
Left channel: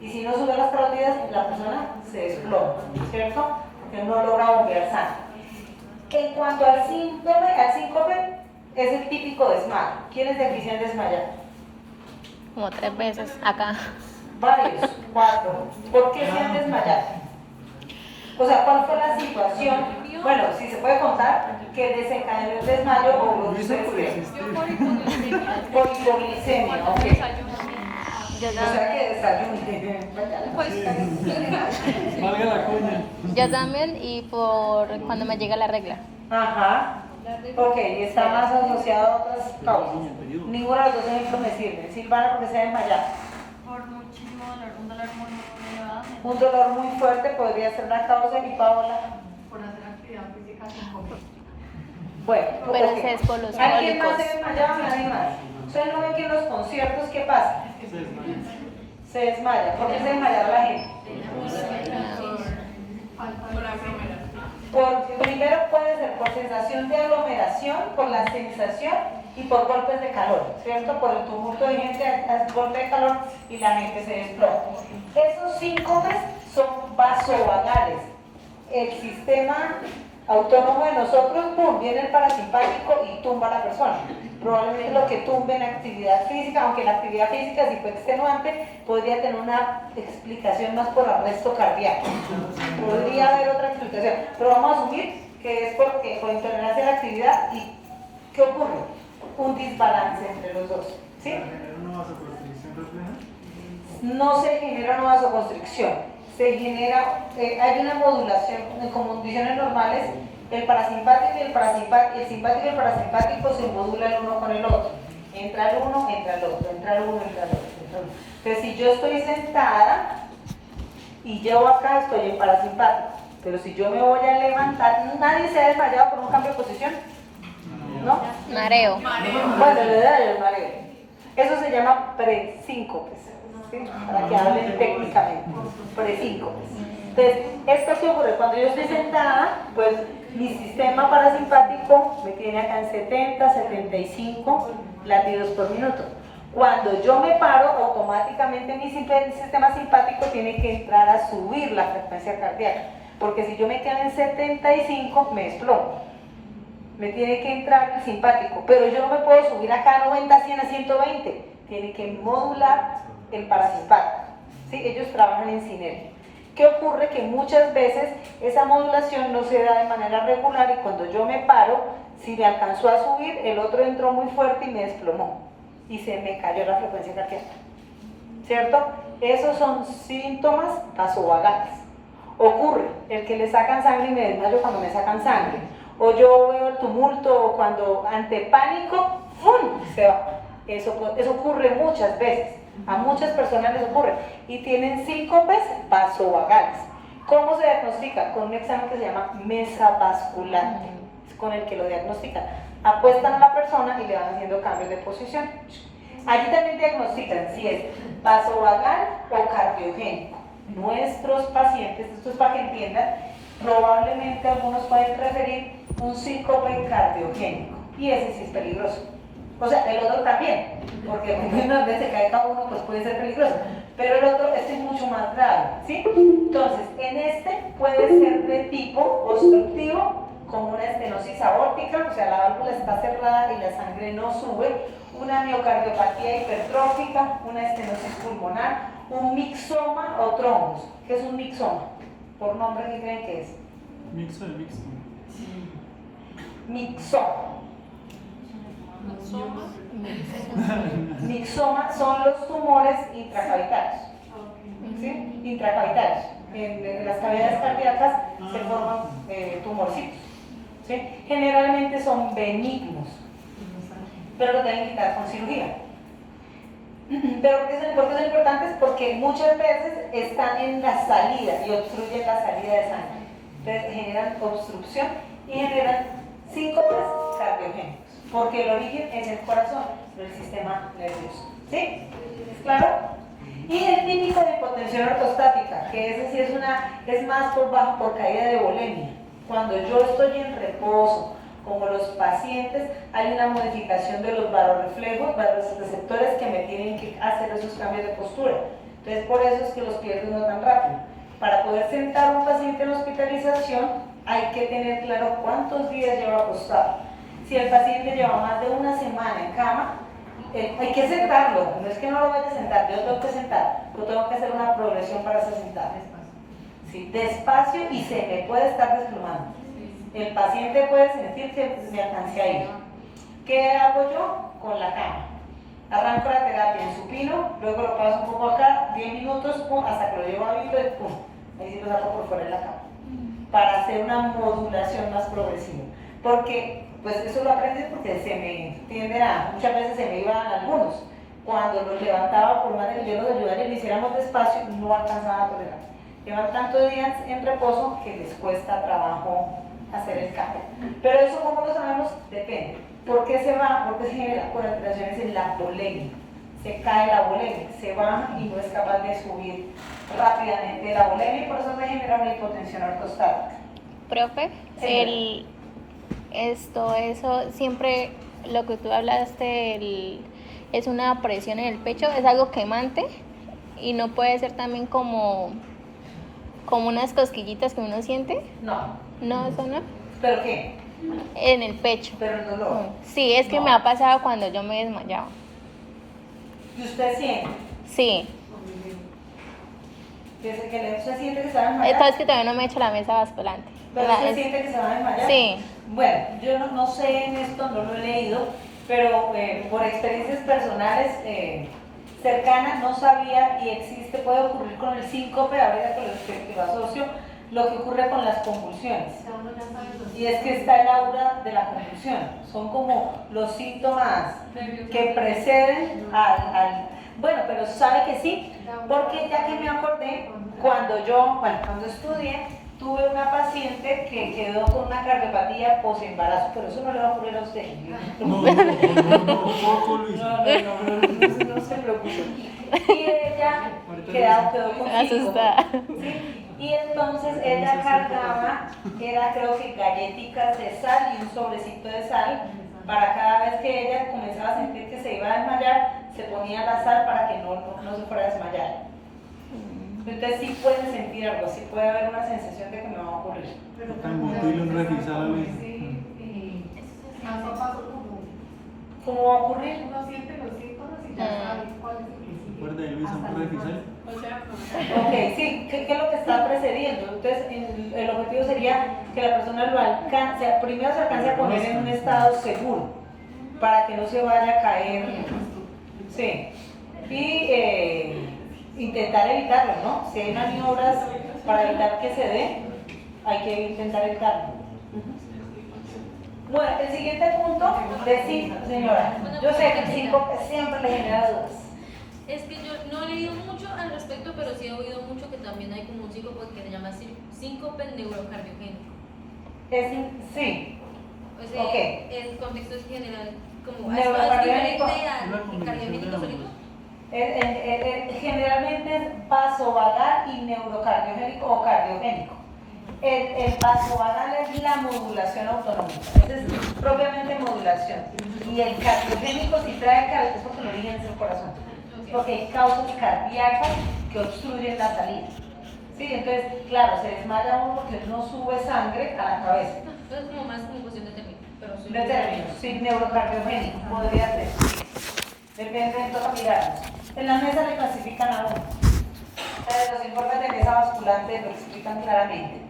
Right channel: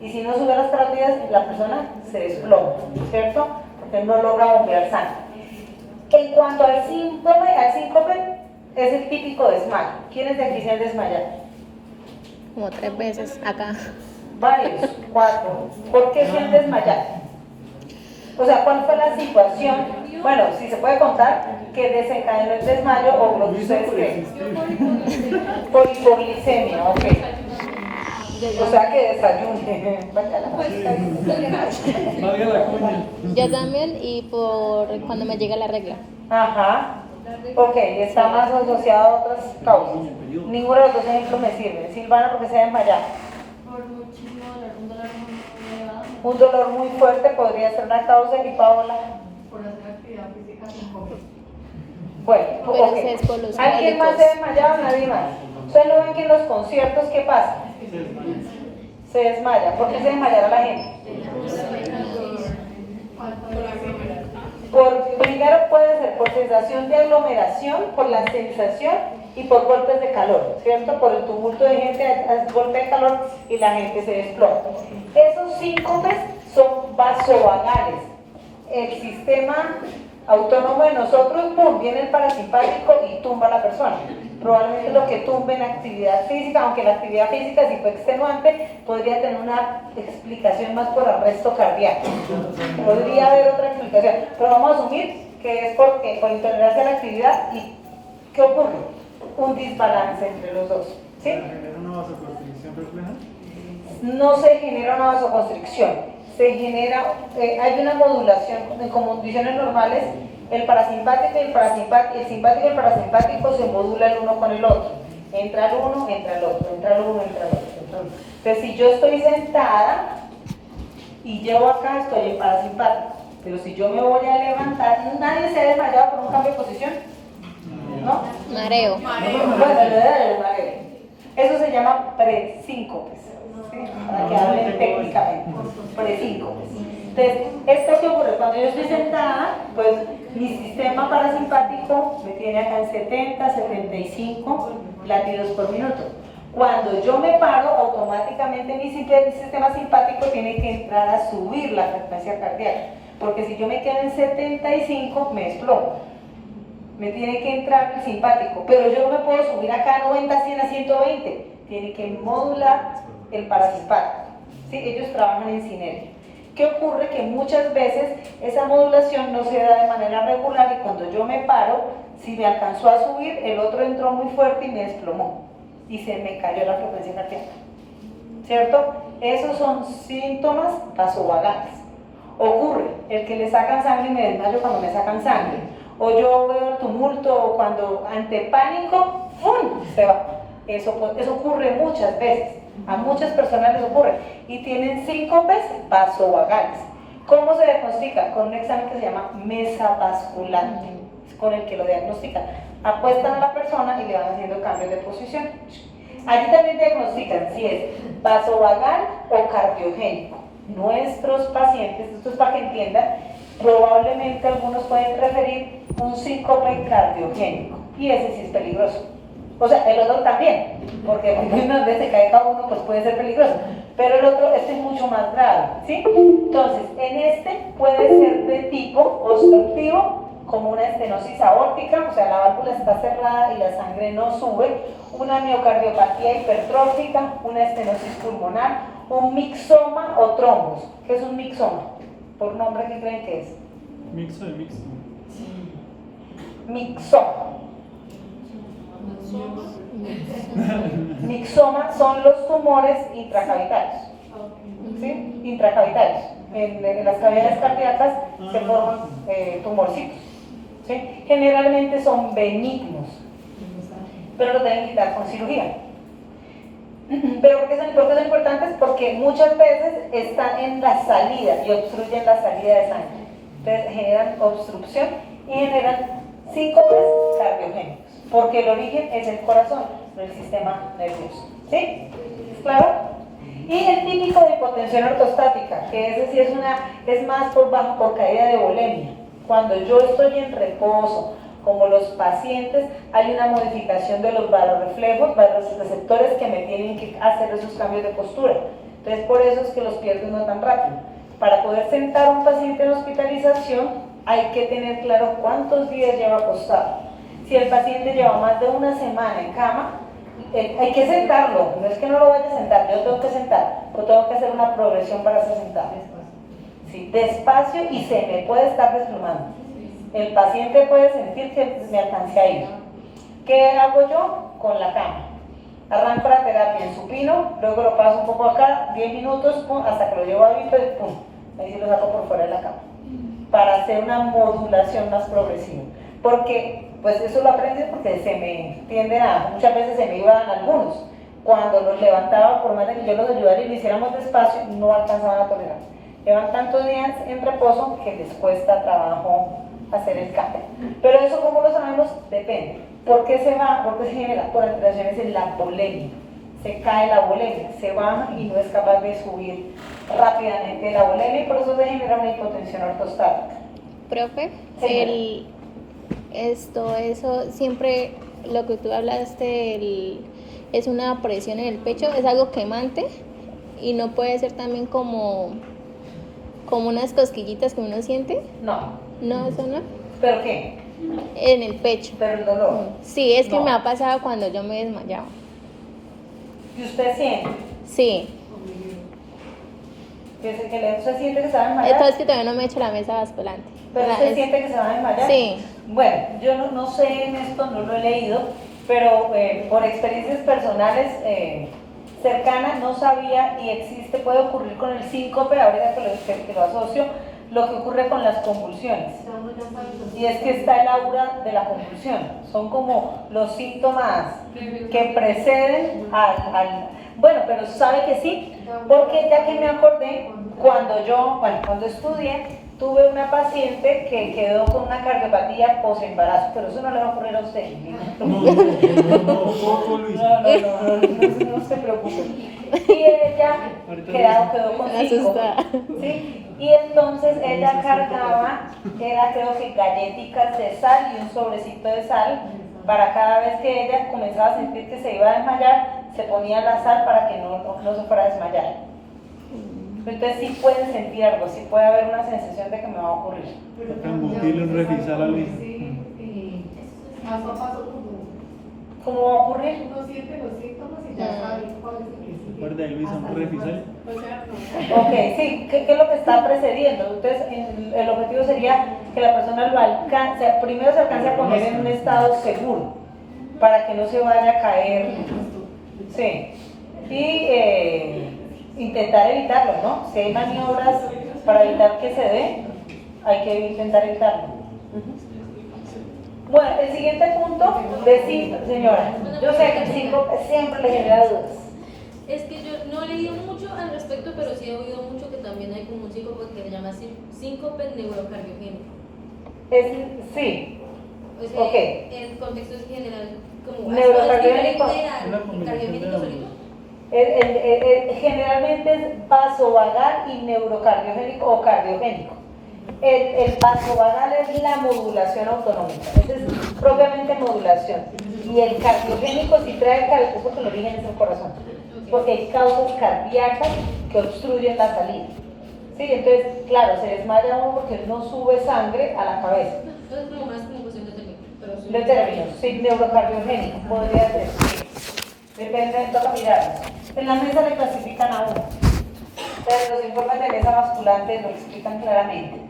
Y si no sube a las carótidas, la persona se desploma, ¿cierto? Porque no logra bombear sangre. En cuanto al síncope, es el típico desmayo. ¿Quiénes de aquí se han desmayado? Como 3 veces acá. Varios, 4. ¿Por qué se han desmayado? O sea, ¿cuál fue la situación? Bueno, si se puede contar, que desencadenó el desmayo o lo que ustedes creen. Por hipoglicemia, ok. O sea que desayune. Valga la cuña. Yo también y por cuando me llega la regla. Ajá. Ok, está más asociado a otras causas. Ninguno de los dos ejemplos me sirve. Silvana, porque se ha desmayado. Por muchísimo dolor, un dolor muy elevado. Un dolor muy fuerte podría ser una causa y Paola. Por hacer actividad física sin comer. Bueno, Pero ok. ese es por los ¿Alguien más se cólicos. desmayaba? Nadie más. Ustedes no ven que en los conciertos, ¿qué pasa? Se desmaya. ¿Por qué se desmayaba la gente? Primero puede ser por sensación de aglomeración, por la sensación y por golpes de calor, ¿cierto? Por el tumulto de gente, hace golpe de calor y la gente se desploma. Esos síncopes son vasovagales. El sistema autónomo de nosotros, pum, viene el parasimpático y tumba a la persona. Probablemente lo que tumbe en actividad física, aunque la actividad física si fue extenuante, podría tener una explicación más por arresto cardíaco. Podría haber otra explicación, pero vamos a asumir que es porque por intolerancia a la actividad. ¿Y qué ocurre? Un desbalance entre los dos, ¿sí? ¿Genera una vasoconstricción refleja? No se genera una vasoconstricción, se genera, hay una modulación, en condiciones normales, el parasimpático y el simpático y el parasimpático se modulan el uno con el otro. Entra el uno, entra el otro, entra el uno, entra el otro, entra el otro. Entonces, si yo estoy sentada y llevo acá, estoy en parasimpático. Pero si yo me voy a levantar, nadie se ha desmayado por un cambio de posición, ¿no? Mareo. Bueno, le da el mareo. Eso se llama presíncopes, ¿sí? Para que hablen técnicamente, presíncopes. Entonces, ¿esto qué ocurre? Cuando yo estoy sentada, pues mi sistema parasimpático me tiene acá en 70, 75 latidos por minuto. Cuando yo me paro, automáticamente mi sistema simpático tiene que entrar a subir la frecuencia cardíaca, porque si yo me quedo en 75, me exploto. Me tiene que entrar el simpático, pero yo no me puedo subir acá a 90, 100, a 120. Tiene que modular el parasimpático. ¿Sí? Ellos trabajan en sinergia. ¿Qué ocurre? Que muchas veces esa modulación no se da de manera regular y cuando yo me paro, si me alcanzó a subir, el otro entró muy fuerte y me desplomó y se me cayó la frecuencia cardíaca, ¿cierto? Esos son síntomas vasovagales. Ocurre el que le sacan sangre y me desmayo cuando me sacan sangre, o yo veo el tumulto o cuando ante pánico, ¡fum!, se va. Eso ocurre muchas veces. A muchas personas les ocurre y tienen síncopes vasovagales. ¿Cómo se diagnostica? Con un examen que se llama mesa vasculante, con el que lo diagnostican. Apuestan a la persona y le van haciendo cambios de posición. Allí también diagnostican si es vasovagal o cardiogénico. nuestros pacientes, esto es para que entiendan, probablemente algunos pueden referir un síncope cardiogénico, y ese sí es peligroso. O sea, el otro también, porque una vez se cae cada uno, pues puede ser peligroso. Pero el otro, este es mucho más grave, ¿sí? Entonces, en este puede ser de tipo obstructivo, como una estenosis aórtica, o sea, la válvula está cerrada y la sangre no sube, una miocardiopatía hipertrófica, una estenosis pulmonar, un mixoma o trombos. ¿Qué es un mixoma? Por nombre, ¿qué creen que es? Mixo de mixto. Mixoma. Mixoma son los tumores intracavitarios. ¿Sí? Intracavitarios. En las cavidades cardíacas se forman tumorcitos. ¿Sí? Generalmente son benignos, pero los deben quitar con cirugía. Pero ¿por qué son importantes? Porque muchas veces están en la salida y obstruyen la salida de sangre. Entonces generan obstrucción y generan síncopes cardiogénicos, porque el origen es el corazón, del sistema nervioso. ¿Sí? ¿Claro? Y el típico de hipotensión ortostática, que ese sí es más por caída de volemia. Cuando yo estoy en reposo, como los pacientes, hay una modificación de los varorreflejos, receptores que me tienen que hacer esos cambios de postura. Entonces, por eso es que los pierdo no tan rápido. Para poder sentar a un paciente en hospitalización, hay que tener claro cuántos días lleva acostado. Si el paciente lleva más de una semana en cama, hay que sentarlo. No es que no lo vaya a sentar, yo tengo que sentar, pero tengo que hacer una progresión para ser sentado. Sí, despacio, y se me puede estar desplomando. El paciente puede sentir que me alcancé a ir. ¿Qué hago yo? Con la cama. Arranco la terapia en supino, luego lo paso un poco acá, 10 minutos, pum, hasta que lo llevo a vivo y pum, ahí sí lo saco por fuera de la cama. Para hacer una modulación más progresiva. Porque, pues eso lo aprendí porque muchas veces se me iban algunos. Cuando los levantaba, por más de que yo los ayudara y lo hiciéramos despacio, no alcanzaban a tolerar. Llevan tantos días en reposo que les cuesta trabajo hacer el cambio. Pero eso, como lo sabemos, depende. ¿Por qué se va? Porque se genera por alteraciones en la volemia. Se cae la volemia, se baja y no es capaz de subir rápidamente la volemia, y por eso se genera una hipotensión ortostática. Profe, Sí. eso siempre lo que tú hablaste, es una presión en el pecho, es algo quemante y no puede ser también como unas cosquillitas que uno siente. No, eso no. ¿Pero qué? En el pecho. Pero el dolor. Sí, es que No. me ha pasado cuando yo me desmayaba. ¿Y usted siente? Sí. ¿Usted siente que se va a desmayar? Entonces que todavía no me he hecho la mesa basculante. ¿Pero usted siente que se va a desmayar? Sí. Bueno, yo no sé en esto, no lo he leído, pero por experiencias personales cercanas no sabía, y puede ocurrir con el síncope, ahorita que lo asocio, lo que ocurre con las convulsiones. Y es que está el aura de la convulsión. Son como los síntomas que preceden bueno, pero sabe que sí, porque ya que me acordé, cuando estudié, tuve una paciente que quedó con una cardiopatía posembarazo, pero eso no le va a ocurrir a usted. No se preocupe. Y ella quedó con Asustada. ¿sí? Y entonces ella cargaba, creo que galletitas de sal y un sobrecito de sal, para cada vez que ella comenzaba a sentir que se iba a desmayar, se ponía la sal para que no se fuera a desmayar. Entonces sí pueden sentir algo, sí puede haber una sensación de que me va a ocurrir. Un refisal a Luis. ¿Cómo va a ocurrir? Uno siente los síntomas y ya sabe cuál es el principio. Recuerda, Luis, un refisal. Ok, sí, ¿qué es lo que está precediendo? Entonces, el objetivo sería que la persona lo alcance, primero se alcance a poner en un estado seguro, para que no se vaya a caer. Sí. Y intentar evitarlo, ¿no? Si hay maniobras para evitar que se dé, hay que intentar evitarlo. Bueno, el siguiente punto, señora, yo sé que el síncope siempre le genera dudas. Es que yo no he leído mucho al respecto, pero sí he oído mucho que también hay como un síncope que se llama síncope neurocardiogénico. Sí. O sea, Ok. el contexto es general, como Neurocardiogénico. es diferente al cardiogénico solito. Generalmente es vasovagal y neurocardiogénico o cardiogénico. El vasovagal es la modulación autonómica, esa es propiamente modulación. Y el cardiogénico sí trae eso que lo dije en el corazón, porque hay causas cardíacas que obstruyen la salida. Sí, entonces, claro, se desmaya uno porque no sube sangre a la cabeza. Entonces, como más como cuestión de término. Pero sí. De término, sí, neurocardiogénico, podría ser. Depende de todas las miradas. En la mesa le clasifican a uno, pero los informes de mesa basculante lo explican claramente.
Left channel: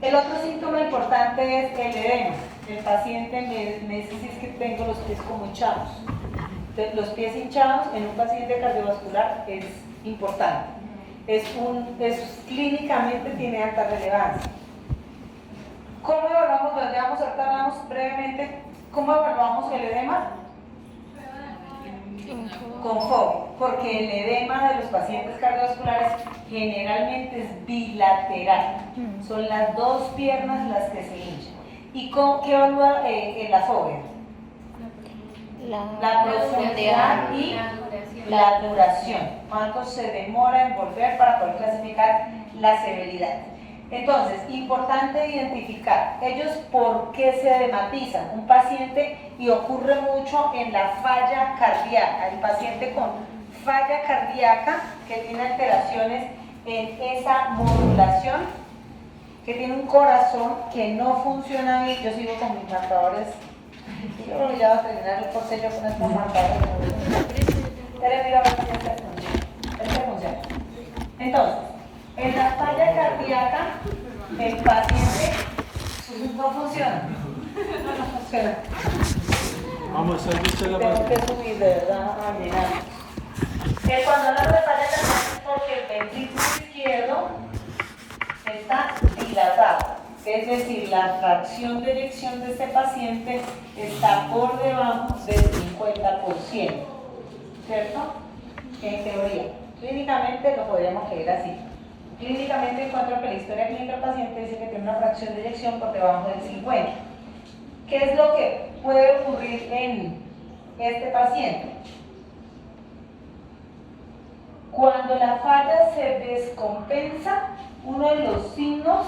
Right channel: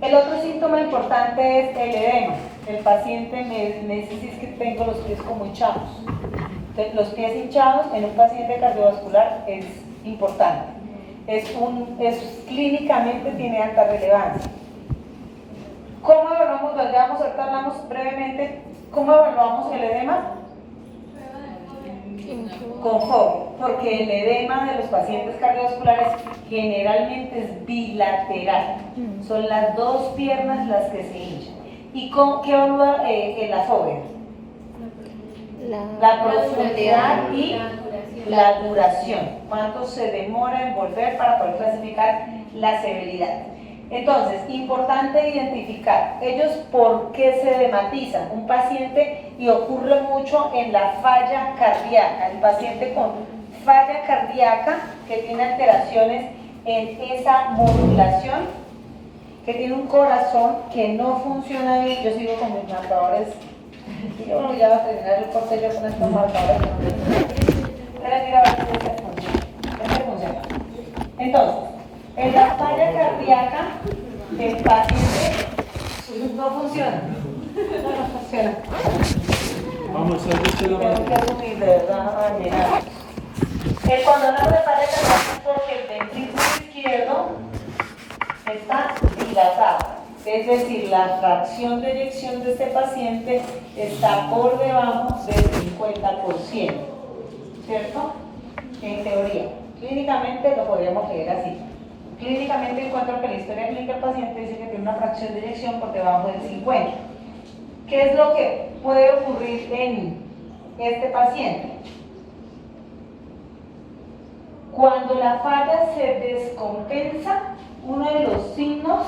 El otro síntoma importante es el edema. El paciente me dice si es que tengo los pies como hinchados. Entonces, los pies hinchados en un paciente cardiovascular es importante. Clínicamente tiene alta relevancia. ¿Cómo evaluamos? Ahorita hablamos brevemente. ¿Cómo evaluamos el edema? Con FOB, porque el edema de los pacientes cardiovasculares generalmente es bilateral. Son las dos piernas las que se hinchan. ¿Y qué evalúa la fobia? La profundidad y la duración. ¿Cuánto se demora en volver para poder clasificar la severidad? Entonces, importante identificar ellos por qué se edematizan. Un paciente, y ocurre mucho en la falla cardíaca, el paciente con falla cardíaca que tiene alteraciones en esa modulación, que tiene un corazón que no funciona bien. Yo sigo con mis marcadores, y yo creo que ya va a terminar el corte yo con estos marcadores. Entonces, en la falla cardíaca, el paciente no funciona. No funciona. Vamos, sáquese la Tengo mano. que subir de verdad, cuando hablo de falla cardíaca es porque el ventrículo izquierdo está dilatado. Es decir, la fracción de eyección de este paciente está por debajo del 50%. ¿Cierto? En teoría. Clínicamente lo podríamos leer así. Clínicamente encuentro que la historia clínica del paciente dice que tiene una fracción de eyección por debajo del 50. ¿Qué es lo que puede ocurrir en este paciente? Cuando la falla se descompensa, uno de los síntomas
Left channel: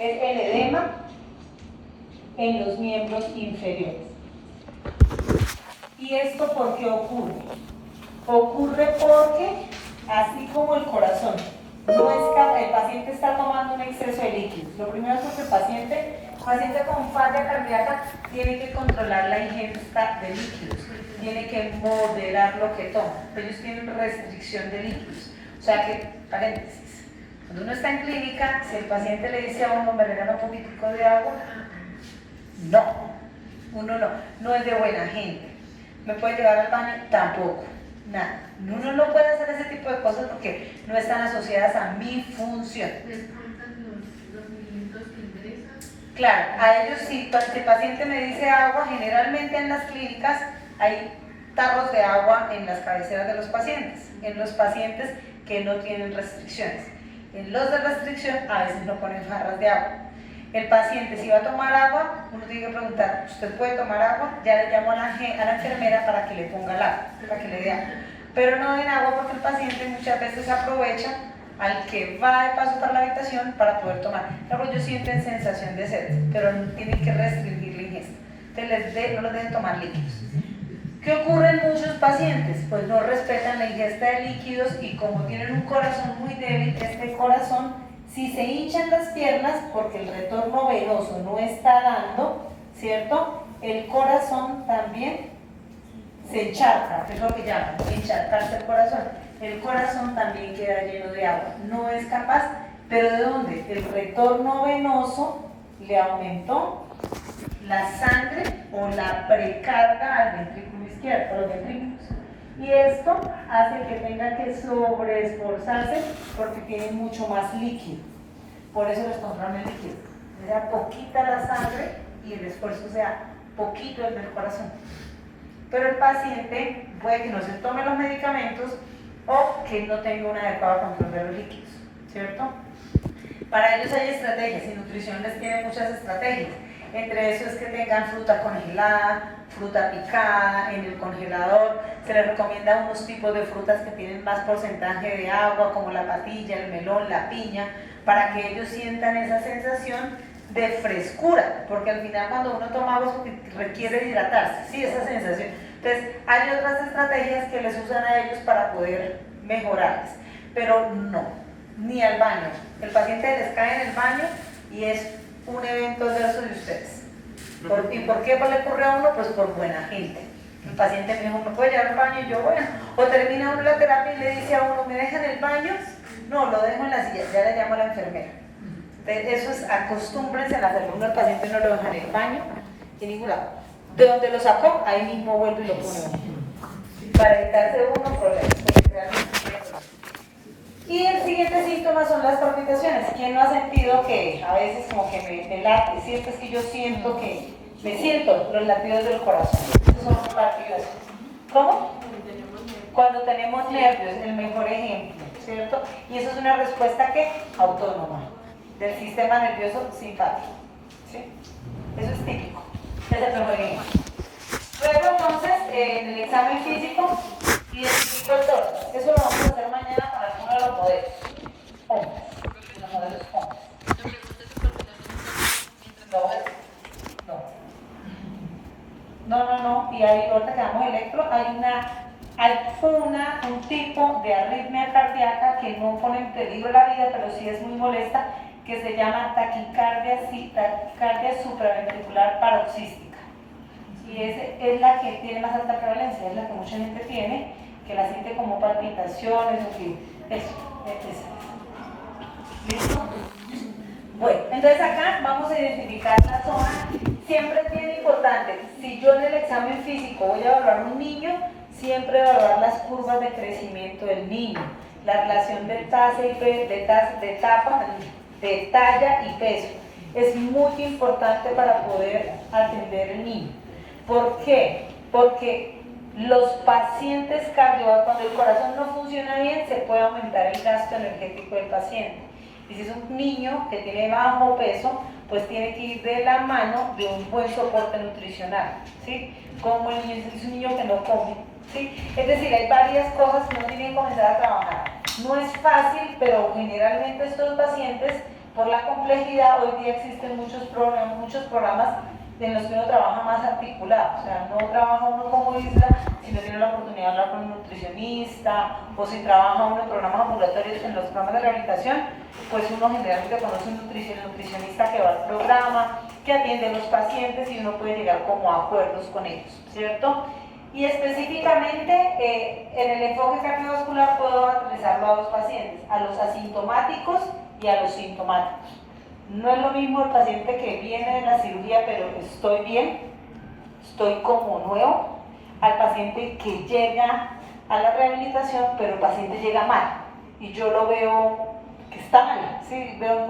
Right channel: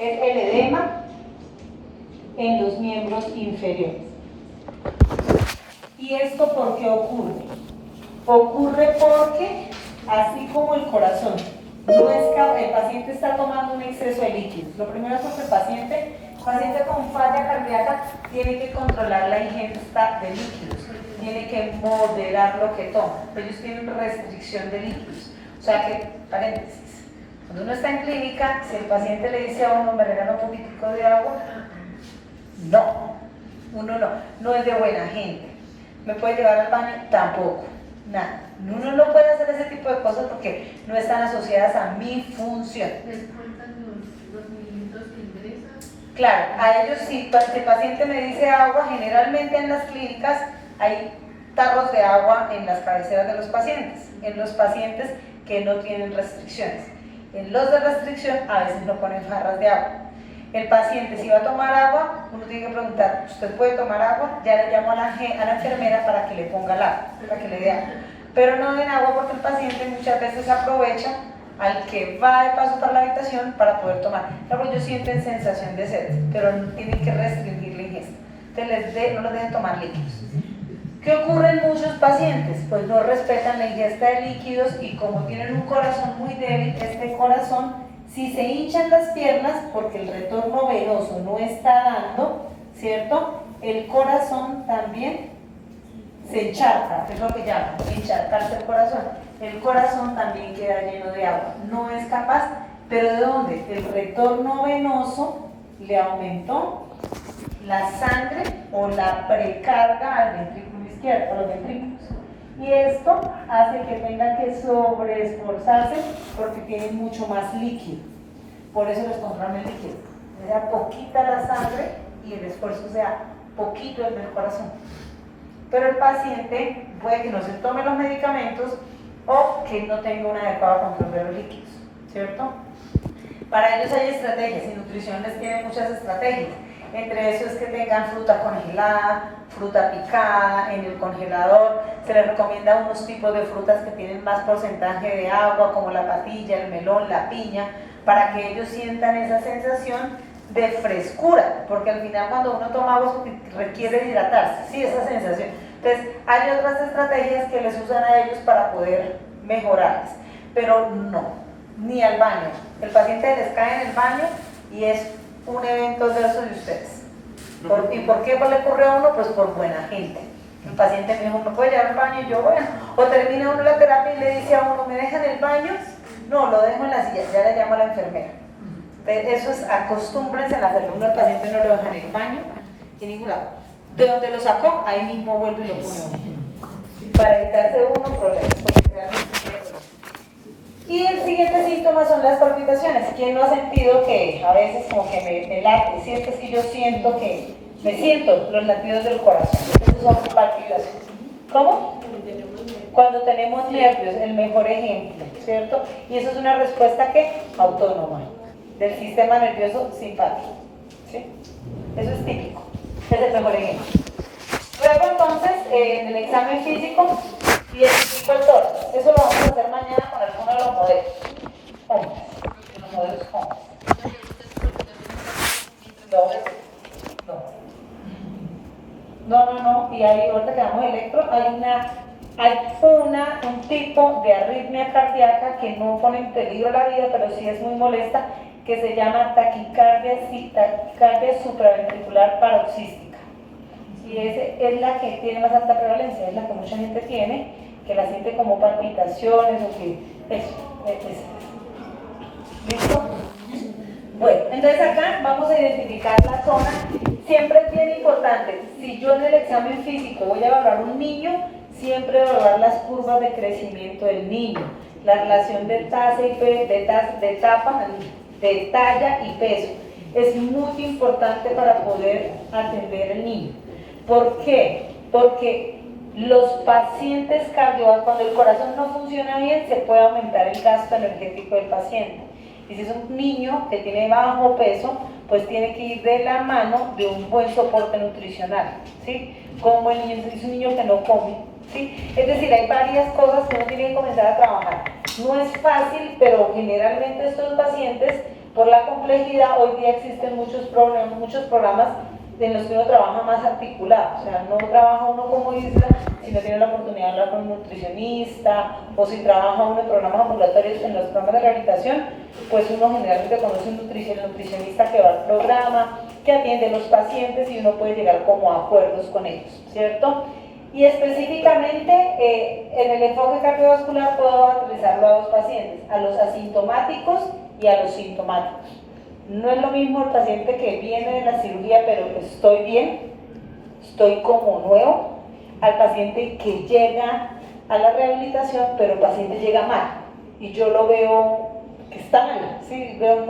es el edema en los miembros inferiores. ¿Y esto por qué ocurre? Ocurre porque, así como el corazón, el paciente está tomando un exceso de líquidos. Lo primero es porque el paciente con falla cardíaca tiene que controlar la ingesta de líquidos, tiene que moderar lo que toma. Ellos tienen restricción de líquidos. O sea que, paréntesis, cuando uno está en clínica, si el paciente le dice a uno, me regala un poquitico de agua, no, uno no es de buena gente. ¿Me puede llevar al baño? Tampoco, nada. Uno no puede hacer ese tipo de cosas porque no están asociadas a mi función. ¿Les cuentan los mililitros que ingresan? Claro, a ellos sí, si el paciente me dice agua, generalmente en las clínicas hay tarros de agua en las cabeceras de los pacientes, en los pacientes que no tienen restricciones. En los de restricción a veces no ponen jarras de agua. El paciente, si va a tomar agua, uno tiene que preguntar, ¿usted puede tomar agua? Ya le llamo a la enfermera para que le ponga el agua, para que le dé agua. Pero no den agua porque el paciente muchas veces aprovecha al que va de paso para la habitación para poder tomar. Luego ellos sienten sensación de sed, pero tienen que restringir la ingesta. Entonces no los dejen tomar líquidos. ¿Qué ocurre en muchos pacientes? Pues no respetan la ingesta de líquidos y como tienen un corazón muy débil, este corazón, si se hinchan las piernas porque el retorno venoso no está dando, ¿cierto? El corazón también se encharca, que es lo que llaman encharcarse el corazón. El corazón también queda lleno de agua. No es capaz, pero ¿de dónde? El retorno venoso le aumentó la sangre o la precarga al ventrículo izquierdo, a los ventrículos. Y esto hace que tenga que sobreesforzarse porque tiene mucho más líquido. Por eso les controlan el líquido. Era poquita la sangre y el esfuerzo sea poquito el del corazón. Pero el paciente puede que no se tome los medicamentos o que no tenga un adecuado control de los líquidos, ¿cierto? Para ellos hay estrategias y nutrición les tiene muchas estrategias. Entre eso es que tengan fruta congelada, fruta picada en el congelador. Se les recomienda unos tipos de frutas que tienen más porcentaje de agua, como la patilla, el melón, la piña, para que ellos sientan esa sensación de frescura, porque al final cuando uno toma agua requiere hidratarse, sí, esa sensación. Entonces hay otras estrategias que les usan a ellos para poder mejorarlas, pero no, ni al baño. El paciente les cae en el baño y es un evento adverso de ustedes. ¿Y por qué le ocurre a uno? Pues por buena gente. El paciente me dijo, ¿me puede llevar al baño? Y yo, bueno, o termina uno la terapia y le dice a uno, ¿me deja en el baño? No, lo dejo en la silla, ya le llamo a la enfermera. Entonces, eso es, acostúmbrense a hacerlo. Uno al paciente no lo deja en el baño, en ningún lado. De donde lo sacó, ahí mismo vuelve y lo pone uno. Para evitarse uno problemas, porque realmente tiene problemas. Y el siguiente síntoma son las palpitaciones. ¿Quién no ha sentido que a veces como que me late? Sí, es que yo siento que me siento los latidos del corazón. Esas son palpitaciones. ¿Cómo? Cuando tenemos nervios, el mejor ejemplo, ¿cierto? Y eso es una respuesta que autónoma del sistema nervioso simpático, ¿sí? Eso es típico, es el mejor ejemplo. Luego entonces, en el examen físico, identifico el toro. Eso lo vamos a hacer mañana con alguno de los modelos. Hombres, los modelos hombres. No, y ahí ahorita que damos electro, hay un tipo de arritmia cardíaca que no pone en peligro la vida, pero sí es muy molesta, que se llama taquicardia supraventricular paroxística. Y es la que tiene más alta prevalencia, es la que mucha gente tiene, que la siente como palpitaciones o que eso. ¿Listo? Bueno, entonces acá vamos a identificar la zona. Siempre es bien importante, si yo en el examen físico voy a evaluar un niño, siempre evaluar las curvas de crecimiento del niño, la relación de tasa y de talla y peso. Es muy importante para poder atender al niño. ¿Por qué? Porque los pacientes cardiovasculares, cuando el corazón no funciona bien, se puede aumentar el gasto energético del paciente. Y si es un niño que tiene bajo peso, pues tiene que ir de la mano de un buen soporte nutricional, ¿sí? Como el niño es un niño que no come, ¿sí? Es decir, hay varias cosas que uno tiene que comenzar a trabajar. No es fácil, pero generalmente estos pacientes, por la complejidad, hoy día existen muchos programas en los que uno trabaja más articulado, o sea, no trabaja uno como isla, sino tiene la oportunidad de hablar con un nutricionista, o si trabaja uno en programas ambulatorios, en los programas de rehabilitación, pues uno generalmente conoce un nutricionista que va al programa, que atiende a los pacientes y uno puede llegar como a acuerdos con ellos, ¿cierto? Y específicamente en el enfoque cardiovascular puedo analizarlo a dos pacientes, a los asintomáticos y a los sintomáticos. No es lo mismo el paciente que viene de la cirugía, pero estoy bien, estoy como nuevo, al paciente que llega a la rehabilitación, pero el paciente llega mal y yo lo veo que está mal, ¿sí? Veo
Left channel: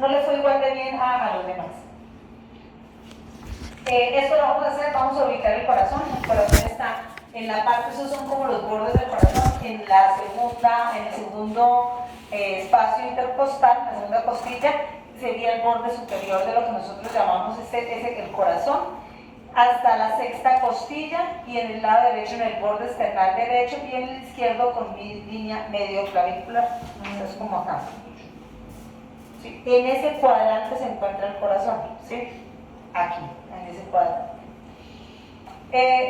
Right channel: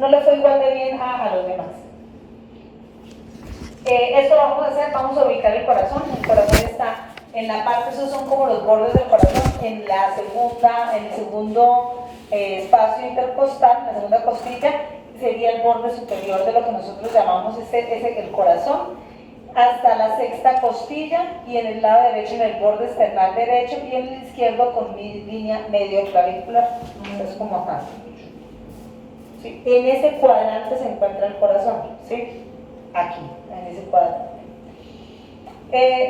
no le fue igual de bien a los demás. Esto lo vamos a hacer, vamos a ubicar el corazón está en la parte, esos son como los bordes del corazón, en el segundo espacio intercostal, en la segunda costilla, sería el borde superior de lo que nosotros llamamos el corazón, hasta la sexta costilla, y en el lado derecho en el borde esternal derecho, y en el izquierdo con mi línea medio clavícular, es como acá. ¿Sí? En ese cuadrante se encuentra el corazón, ¿sí? Aquí, en ese cuadrante.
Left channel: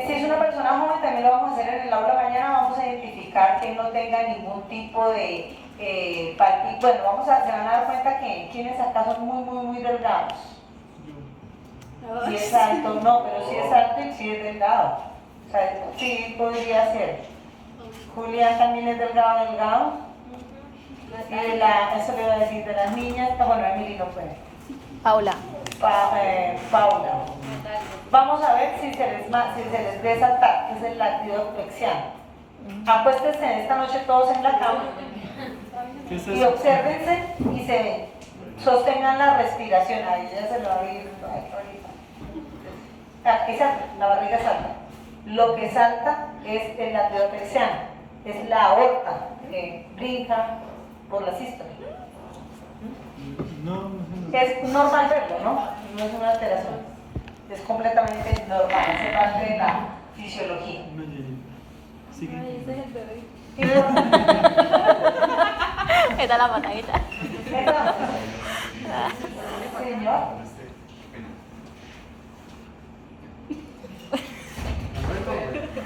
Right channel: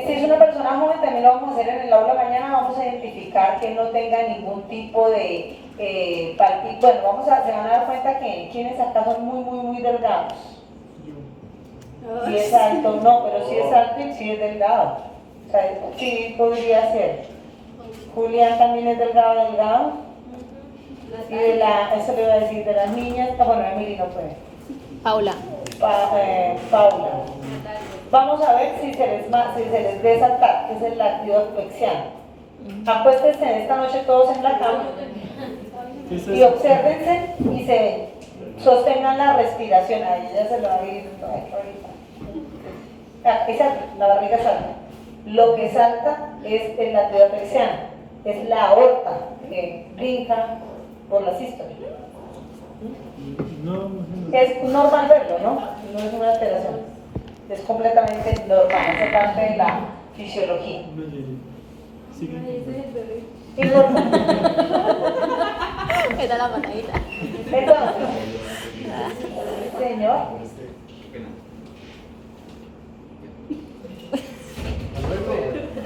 Si es una persona joven, también lo vamos a hacer en el aula mañana, vamos a identificar que no tenga ningún tipo de bueno, se van a dar cuenta que quienes acá son muy delgados. Si es alto, no, pero si es alto y si es delgado. O sea, sí podría ser. Julián también es delgado. Y eso le voy a decir de las niñas, bueno, Emily no puede. Paula. Paula. Vamos a ver si se les resalta, que es el latido asfixiano. Acuéstense esta noche todos en la cama y obsérvense y se ven. Sostengan la respiración, ahí ya se lo va a ir. Exacto, la barriga salta. Lo que salta es el latido asfixiano, es la aorta que brinca por la sístole. No, no. Es normal verlo, ¿no? No es una alteración. Es completamente normal, hace parte de la fisiología. No llegué. Sigue. Y lo- Era la patadita. Entonces, señor,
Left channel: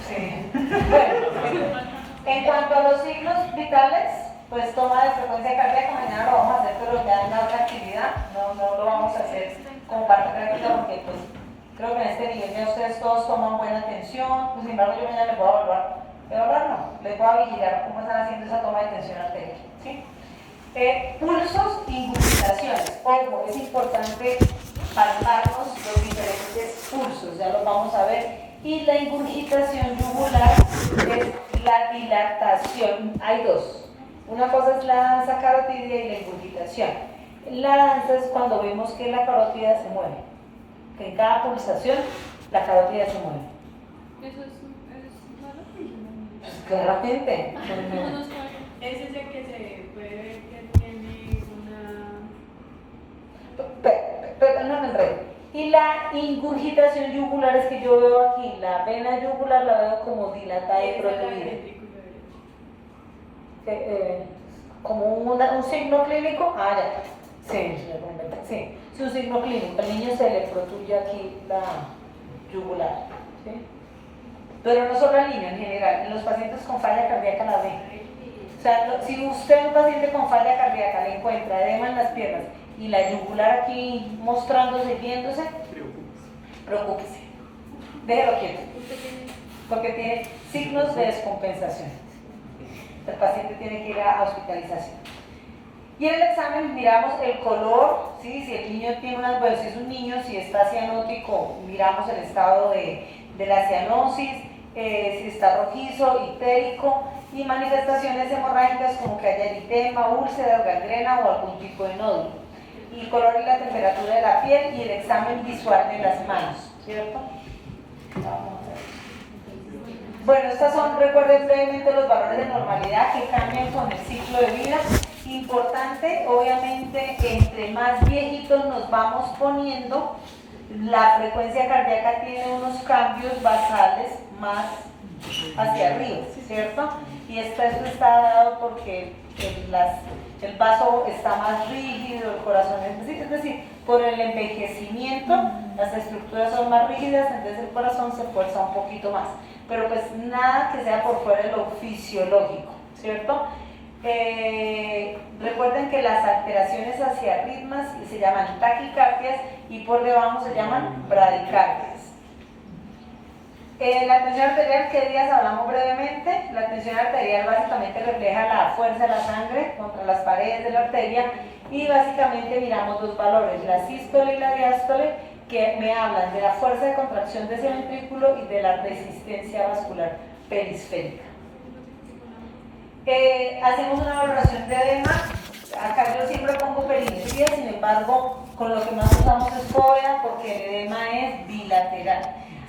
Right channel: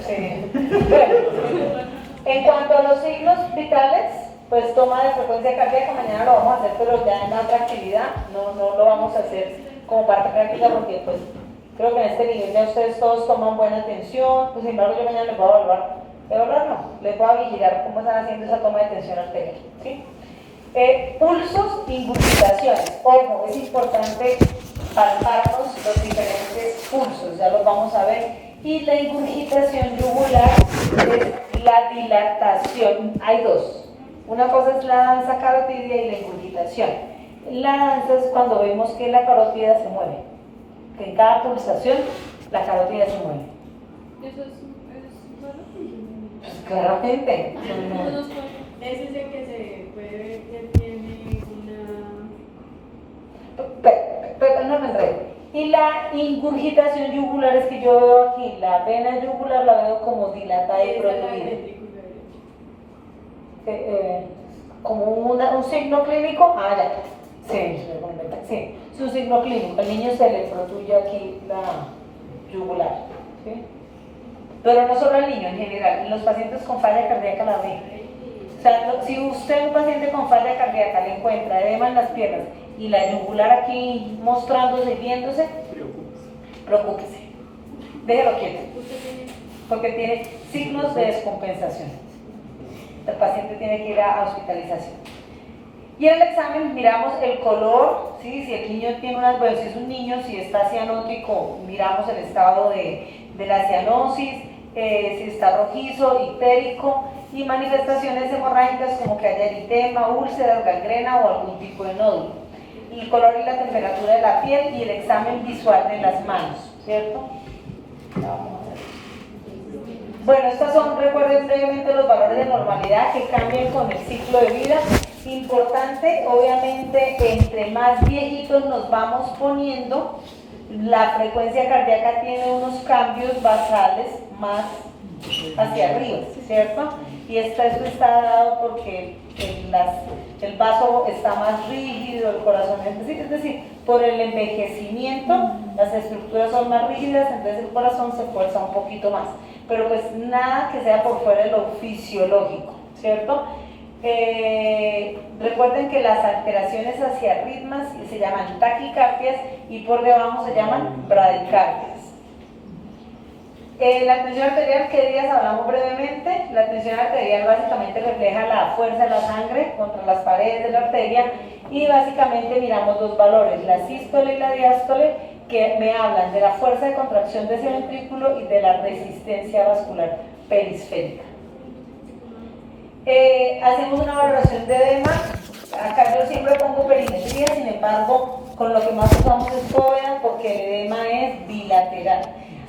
sí. Bueno, en cuanto a los signos vitales, pues toma de frecuencia cardíaca, mañana lo vamos a hacer, pero ya en otra actividad, no lo vamos a hacer como parte práctica porque pues creo que en este nivel ya ustedes todos toman buena atención, pues sin embargo yo mañana les voy a evaluar no, les voy a vigilar cómo están haciendo esa toma de tensión arterial, ¿sí? Pulsos, ingurgitaciones, ojo, es importante palparnos los diferentes pulsos, ya los vamos a ver, y la ingurgitación yugular es la dilatación, hay dos, una cosa es la danza carotidia y la ingurgitación. La danza es cuando vemos que la carótida se mueve, que en cada pulsación la carótida se mueve. ¿Eso es raro? Pues claramente. Es ese que se puede ver que tiene una... Pero no me enredo. Y la ingurgitación yugular es que yo veo aquí la vena yugular, la veo como dilatada y protuida. Como un signo clínico. Ah, ya. Sí, sí, es un signo clínico. El niño se le protuye aquí la yugular. ¿Sí? Pero no solo al niño, en general. En los pacientes con falla cardíaca la ven. O sea, si usted a un paciente con falla cardíaca le encuentra edema en las piernas y la yugular aquí mostrándose y viéndose, preocúpese. Déjelo quieto. Porque tiene signos de descompensación. El paciente tiene que ir a hospitalización. Y en el examen miramos el color, ¿sí? Si el niño tiene unas, bueno, si es un niño, si está cianótico, miramos el estado de la cianosis, si está rojizo, ictérico, y manifestaciones hemorrágicas como que haya eritema, úlceras, gangrena o algún tipo de nódulo. El color y la temperatura de la piel y el examen visual de las manos, ¿cierto? Bueno, estas son, recuerden brevemente los valores de normalidad que cambian con el ciclo de vida. Importante, obviamente, entre más viejitos nos vamos poniendo, la frecuencia cardíaca tiene unos cambios basales más hacia arriba, ¿cierto? Y esto está dado porque el vaso está más rígido, el corazón es decir, por el envejecimiento, las estructuras son más rígidas, entonces el corazón se fuerza un poquito más. Pero pues nada que sea por fuera de lo fisiológico, ¿cierto? Recuerden que las alteraciones hacia ritmos se llaman taquicardias y por debajo se llaman bradicardias. La tensión arterial, ¿qué días hablamos brevemente? La tensión arterial básicamente refleja la fuerza de la sangre contra las paredes de la arteria y básicamente miramos dos valores, la sístole y la diástole, que me hablan de la fuerza de contracción de ese ventrículo y de la resistencia vascular perisférica. Hacemos una valoración de edema. Acá yo siempre pongo perimetría, sin embargo, con lo que más usamos es FOBEA porque el edema es bilateral.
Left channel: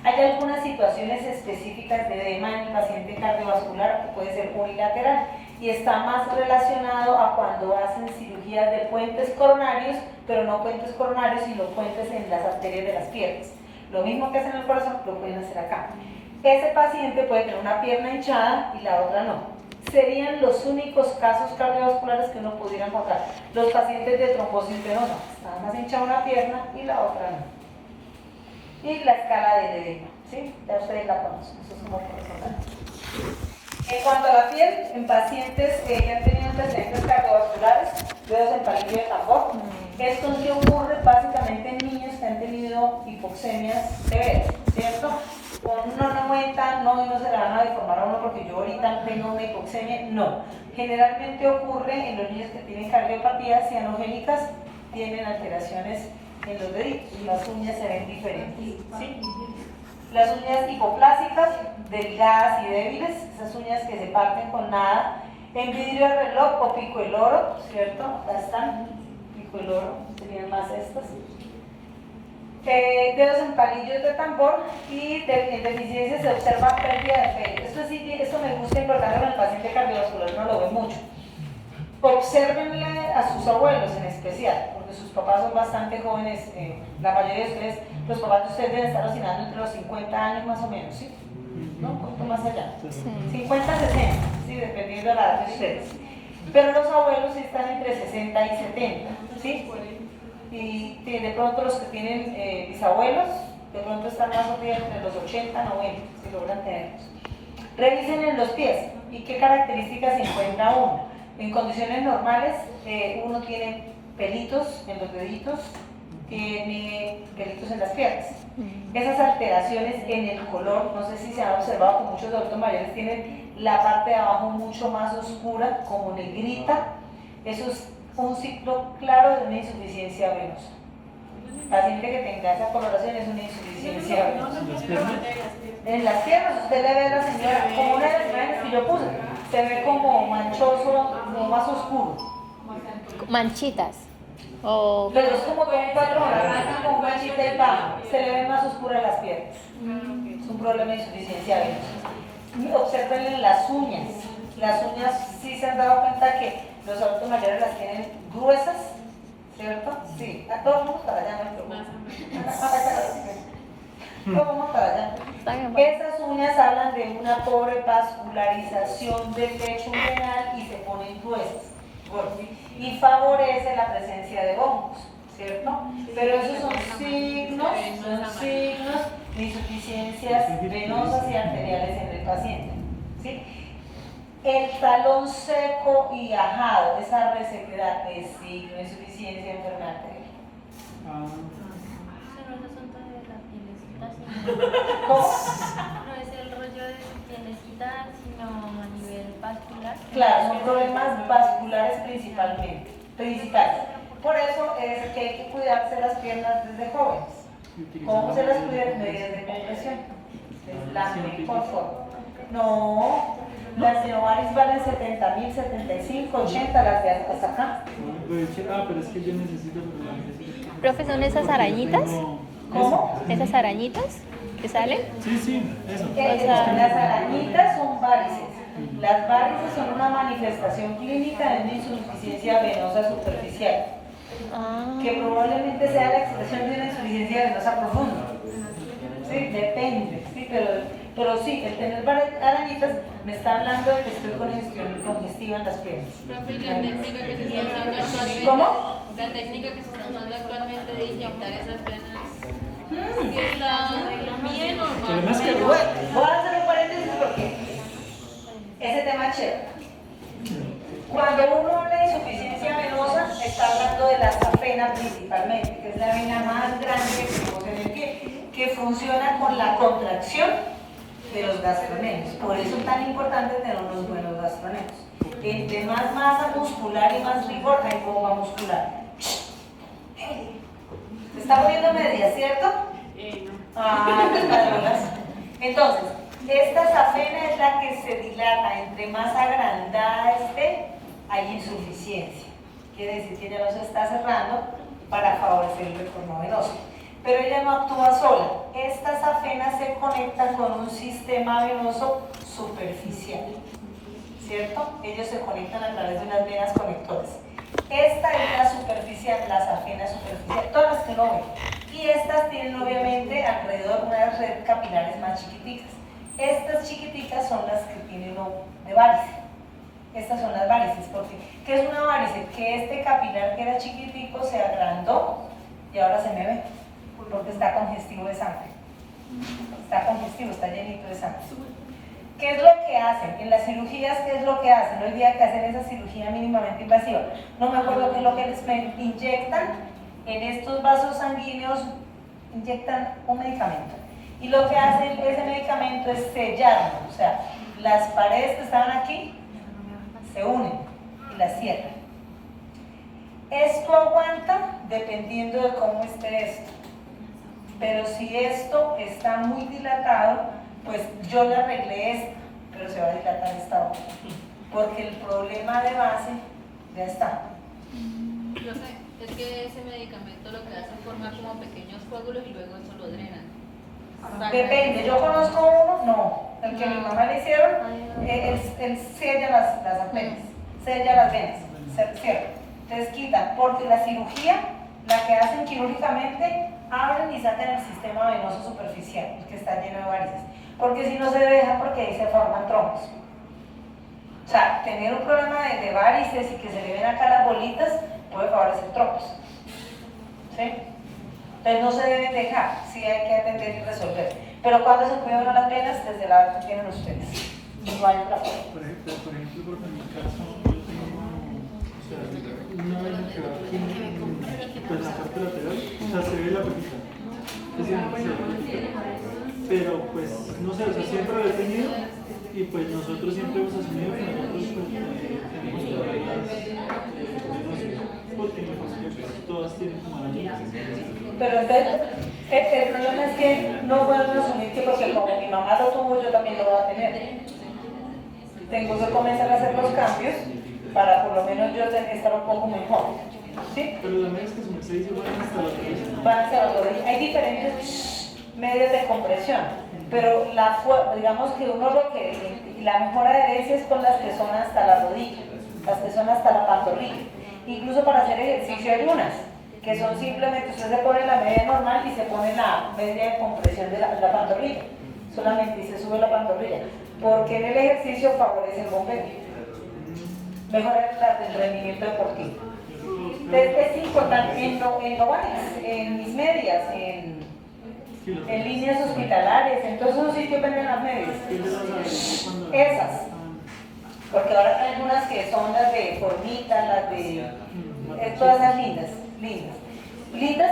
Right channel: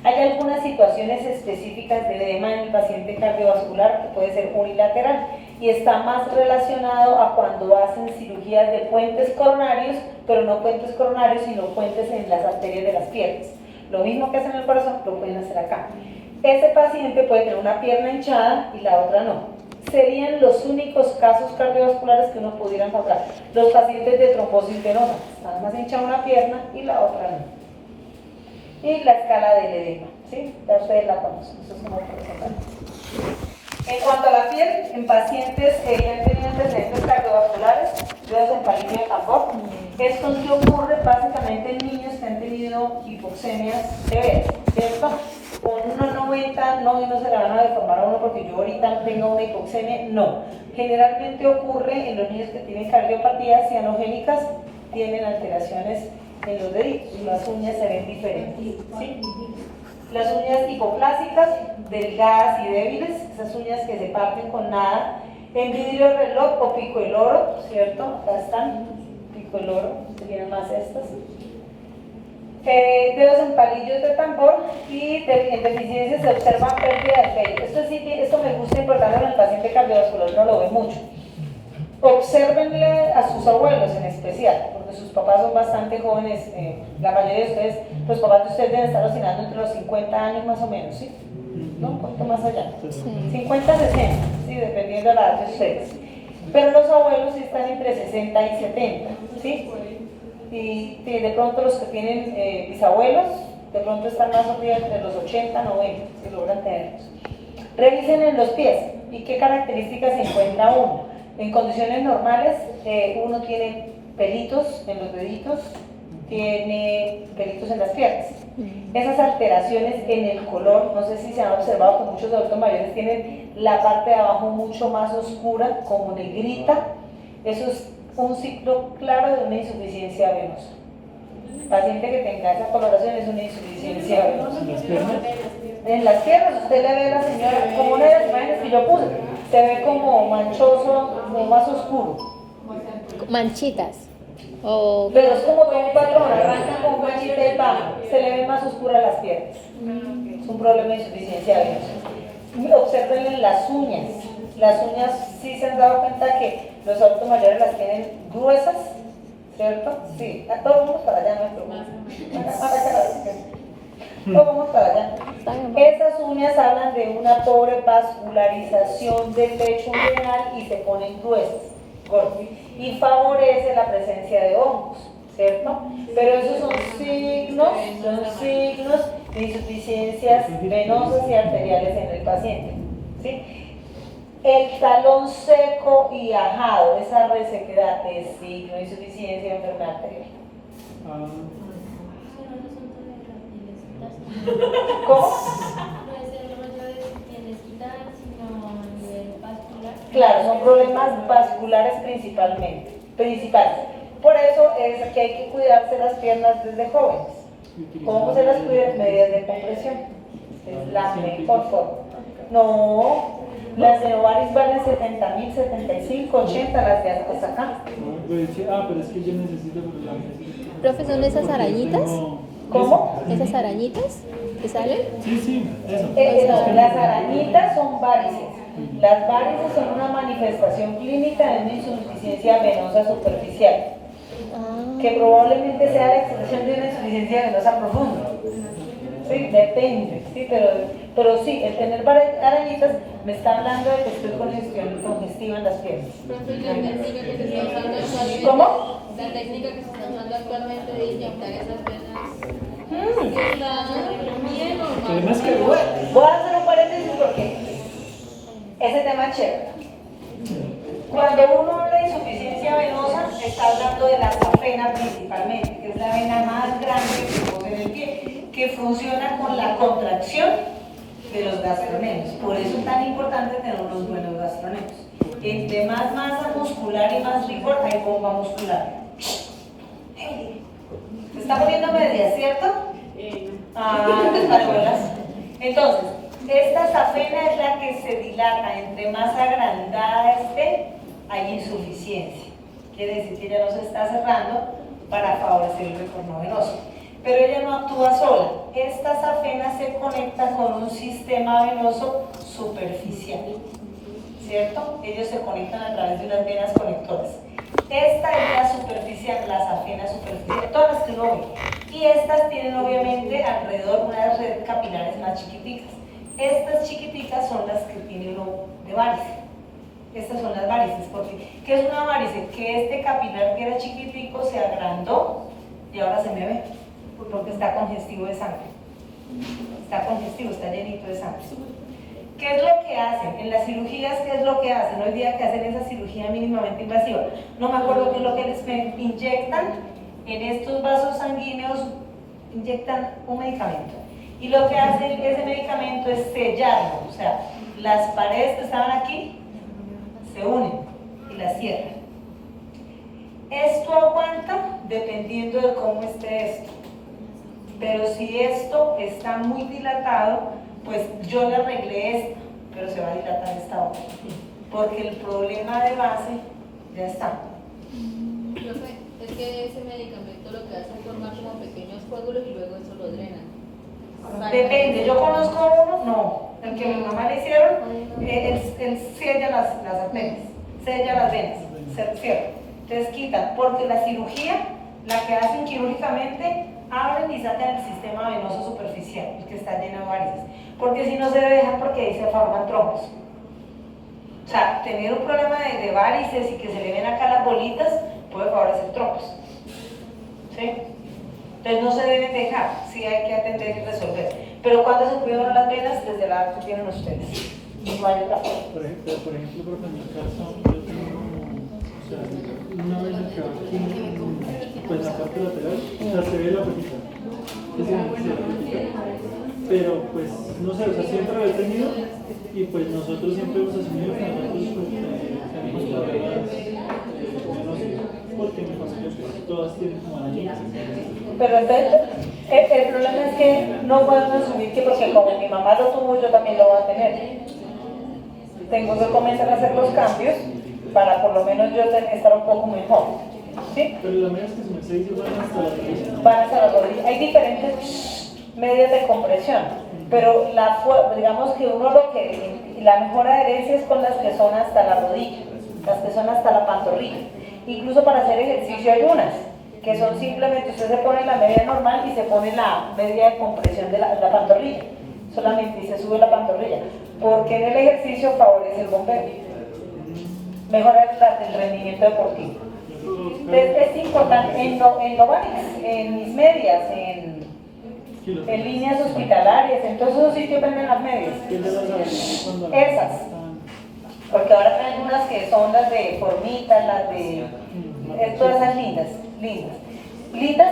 Hay algunas situaciones específicas de edema en el paciente cardiovascular que puede ser unilateral y está más relacionado a cuando hacen cirugías de puentes coronarios, pero no puentes coronarios, sino puentes en las arterias de las piernas. Lo mismo que hacen en el corazón, lo pueden hacer acá. Ese paciente puede tener una pierna hinchada y la otra no. Serían los únicos casos cardiovasculares que uno pudiera encontrar. Los pacientes de trombosis venosa, nada más hincha una pierna y la otra no. Y la escala del edema, ¿sí? Ya ustedes la conocen, eso es como representante. En cuanto a la piel, en pacientes que han tenido antecedentes cardiovasculares, dedos en palillo de tambor, esto sí ocurre básicamente en niños que han tenido hipoxemias severas, ¿cierto? Con 1,90 no se le van a deformar a uno porque yo ahorita tengo una hipoxemia, no. Generalmente ocurre en los niños que tienen cardiopatías cianogénicas, tienen alteraciones en los deditos, las uñas se ven diferentes, ¿sí? Las uñas hipoplásicas, delgadas y débiles, esas uñas que se parten con nada, en vidrio de reloj o pico el oro, ¿cierto? Acá están, pico el oro, serían más estas. Dedos en palillos de tambor y en deficiencias se observa pérdida de pelo. Esto me gusta incorporarlo en el paciente cardiovascular, no lo ve mucho. Obsérvenle a sus abuelos en especial, porque sus papás son bastante jóvenes, la mayoría de ustedes, los papás de ustedes deben estar oscilando entre los 50 años más o menos, ¿sí? ¿No? Un poquito más allá. 50, 60, ¿sí? Dependiendo de la edad de ustedes. Pero los abuelos sí están entre 60 y 70, ¿sí? Y de pronto los que tienen bisabuelos, de pronto están más o menos entre los 80, 90, si logran tenerlos. Revisen en los pies y qué características se encuentra uno. En condiciones normales, uno tiene pelitos en los deditos, tiene pelitos en las piernas. Esas alteraciones en el color, no sé si se han observado que muchos adultos mayores tienen la parte de abajo mucho más oscura, como negrita. Eso es un signo claro de una insuficiencia venosa. Paciente que tenga esa coloración es una insuficiencia venosa. En las piernas, usted le ve a la señora, como una de las imágenes que yo puse, se ve como manchoso, como más oscuro. Manchitas. O Pero es como todo un patrón, arranca con manchita y baja, se le ven más oscuras las piernas. Es un problema de insuficiencia venosa. Observen las uñas. Las uñas, sí se han dado cuenta que los adultos mayores las tienen gruesas, ¿cierto? Sí, a todos vamos para allá, todos vamos para allá. Estas uñas hablan de una pobre vascularización del lecho uveal y se ponen gruesas, y favorece la presencia de hongos, ¿cierto? Pero esos son signos de insuficiencias venosas y arteriales en el paciente, ¿sí? El talón seco y ajado, esa resequedad es signo de insuficiencia de enfermedad arterial. ¿Cómo? No es el rollo de pielesquita, sino a nivel vascular. Claro, son problemas vasculares principales. Por eso es que hay que cuidarse las piernas desde jóvenes. ¿Cómo se las cuida? Medidas de compresión. Es la mejor forma. No, las de ovaris valen 70.000, 75, 80, las de hasta acá. Pero es que yo necesito por la necesidad. profe, ¿son esas arañitas? ¿Cómo? ¿Esas arañitas que salen? Sí, eso. Las arañitas son varices. Las varices son una manifestación clínica de una insuficiencia venosa superficial, que probablemente sea la expresión de una insuficiencia venosa profunda. Sí, depende, sí, pero sí, el tener arañitas me está hablando de que estoy con congestiva en las piernas. ¿Cómo? La técnica que se está usando actualmente de inyectar esas venas. Además que Voy a hacer un paréntesis porque ese tema es chévere. Cuando uno habla de insuficiencia venosa, está hablando de la safena principalmente, que es la vena más grande que tenemos en el pie, que funciona con la contracción de los gastrocnemios. Por eso es tan importante tener unos buenos gastrocnemios. Entre más masa muscular y más rigor, hay bomba muscular. ¿Se está poniendo media, cierto? Pues para bolas. Entonces, esta safena es la que se dilata. Entre más agrandada esté, hay insuficiencia. Quiere decir que ya no se está cerrando para favorecer el retorno venoso. Pero ella no actúa sola. Esta safena se conecta con un sistema venoso superficial, ¿cierto? Ellos se conectan a través de unas venas conectoras. Esta es la superficial, la safena superficial, todas las que uno ve. Y estas tienen obviamente alrededor unas redes capilares más chiquiticas. Estas chiquiticas son las que tiene uno de varices. Estas son las varices, porque ¿qué es una varice? Que este capilar que era chiquitico se agrandó y ahora se me ve, porque está congestivo de sangre. Está congestivo, está llenito de sangre. ¿Qué es lo que hacen? En las cirugías, ¿qué es lo que hacen? Hoy día que hacen esa cirugía mínimamente invasiva. No me acuerdo qué es lo que les inyectan. En estos vasos sanguíneos inyectan un medicamento. Y lo que hace ese medicamento es sellarlo. O sea, las paredes que estaban aquí se unen y las cierran. Esto aguanta dependiendo de cómo esté esto. Pero si esto está muy dilatado, pues yo le arreglé esta, pero se va a dilatar esta otra. Porque el problema de base ya está. Profe, es que ese medicamento lo que hace es formar como pequeños coágulos y luego eso lo drenan. Depende, yo conozco uno, no. El que mi mamá le hicieron, él sella las arterias, sella las venas, se cierra. Entonces quitan, porque la cirugía, la que hacen quirúrgicamente, abren y sacan el sistema venoso superficial, que está lleno de varices. Porque si no se deja, porque ahí se forman trombos. O sea, tener un problema de varices y que se le ven acá las bolitas puede favorecer trombos. ¿Sí? Entonces no se deben dejar, sí hay que atender y resolver. Pero cuando se cuidan las venas, desde la edad que tienen ustedes. No hay otra forma. Por ejemplo, porque en mi caso, yo tengo, o sea, una vena que va aquí, pues la parte lateral, o sea, se ve la pepita. Pero pues, no sé, o sea, siempre lo he tenido y pues nosotros siempre hemos asumido que nosotros tenemos problemas, porque todas tienen como arañitas. Pero entonces, el problema es que no pueden asumir que porque como mi mamá lo tuvo, yo también lo voy a tener. Tengo que comenzar a hacer los cambios para por lo menos yo estar un poco mejor. ¿Sí? Pero las medidas que se me dice van hasta la rodilla. Van hasta la rodilla. Hay diferentes medidas de compresión, pero digamos que uno lo que la mejor adherencia es con las que son hasta la rodilla, las que son hasta la pantorrilla. Incluso para hacer ejercicio hay unas que son simplemente, usted se pone la media normal y se pone la media de compresión de la pantorrilla, solamente, y se sube la pantorrilla, porque en el ejercicio favorece el bombeo, mejora el rendimiento deportivo. Es importante en Novartis, en mis medias, en líneas hospitalarias, en todos esos sitios venden las medias. Esas. Porque ahora hay unas que son las de formitas, las de... todas esas lindas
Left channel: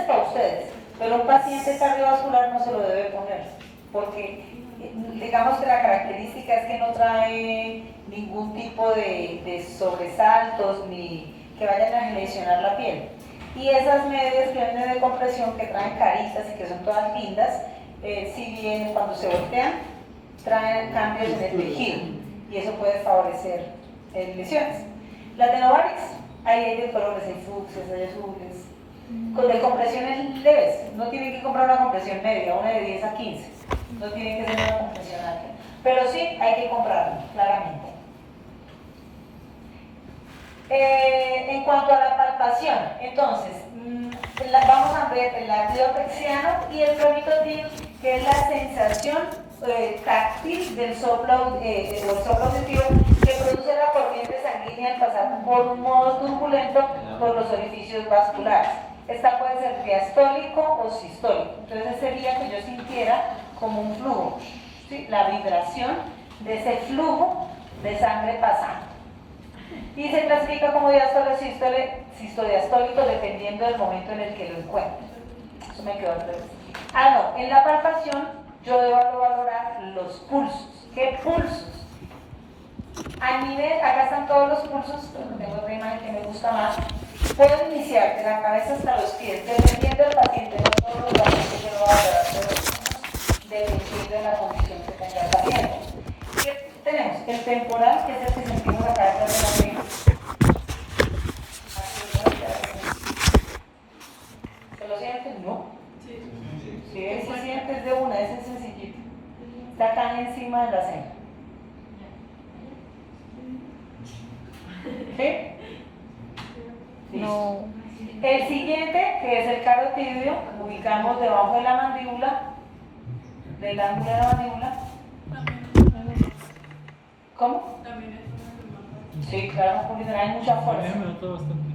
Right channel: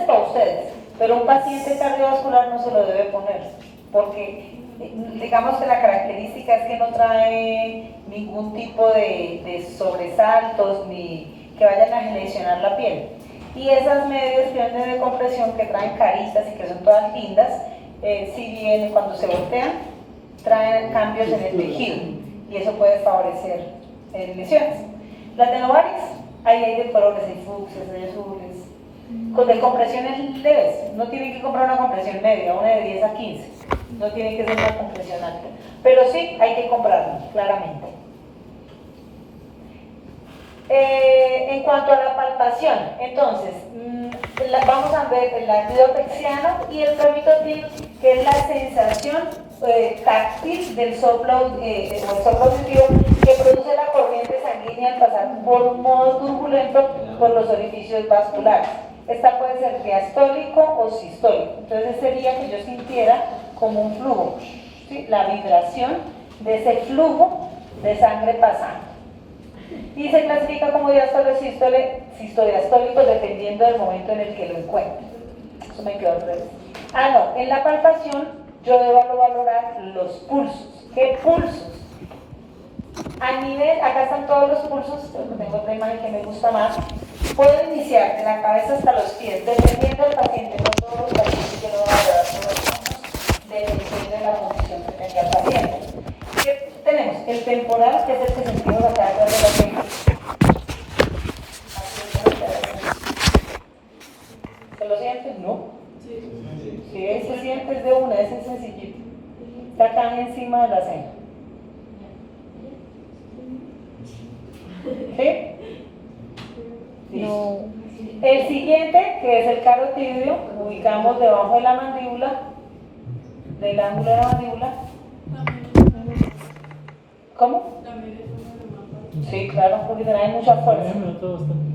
para ustedes, pero un paciente cardiovascular no se lo debe poner, porque digamos que la característica es que no trae ningún tipo de sobresaltos ni que vayan a lesionar la piel. Y esas medias que venden de compresión, que traen caritas y que son todas lindas, si bien cuando se voltean, traen cambios en el tejido y eso puede favorecer lesiones. Las de Novartis, ahí hay de colores, hay fucsias, hay azules, con de compresiones leves. No tienen que comprar una compresión media, una de 10 a 15, no tiene que ser una compresión alta, pero sí hay que comprarla, claramente. En cuanto a la palpación, entonces, vamos a ver el ácido pexiano y el promitotil, que es la sensación táctil del soplo, o el soplo auditivo que produce la corriente sanguínea al pasar por un modo turbulento por los orificios vasculares. Esta puede ser diastólico o sistólico. Entonces sería que yo sintiera como un flujo, ¿sí? La vibración de ese flujo de sangre pasando. Y se clasifica como diástole o sistodiastólico dependiendo del momento en el que lo encuentre. Eso me quedó al revés. No, en la palpación yo debo valorar los pulsos. ¿Qué pulsos? A nivel, acá están todos los pulsos, pero tengo otra imagen que me gusta más. Puedo iniciar de la cabeza hasta los pies, dependiendo del paciente, no todos los pacientes yo lo voy a valorar todos los pulsos, dependiendo de la condición que tenga el paciente. ¿Qué tenemos? El temporal, que es el que sentimos acá detrás de la oreja. ¿Se lo sienten? No. Si se siente es de una, ese es sencillito. Está acá encima de la cena. ¿Sí? No. El siguiente, que es el carotidio, lo ubicamos debajo de la mandíbula, del ángulo de la mandíbula. ¿Cómo? Sí, claro, porque hay mucha fuerza. Me nota bastante.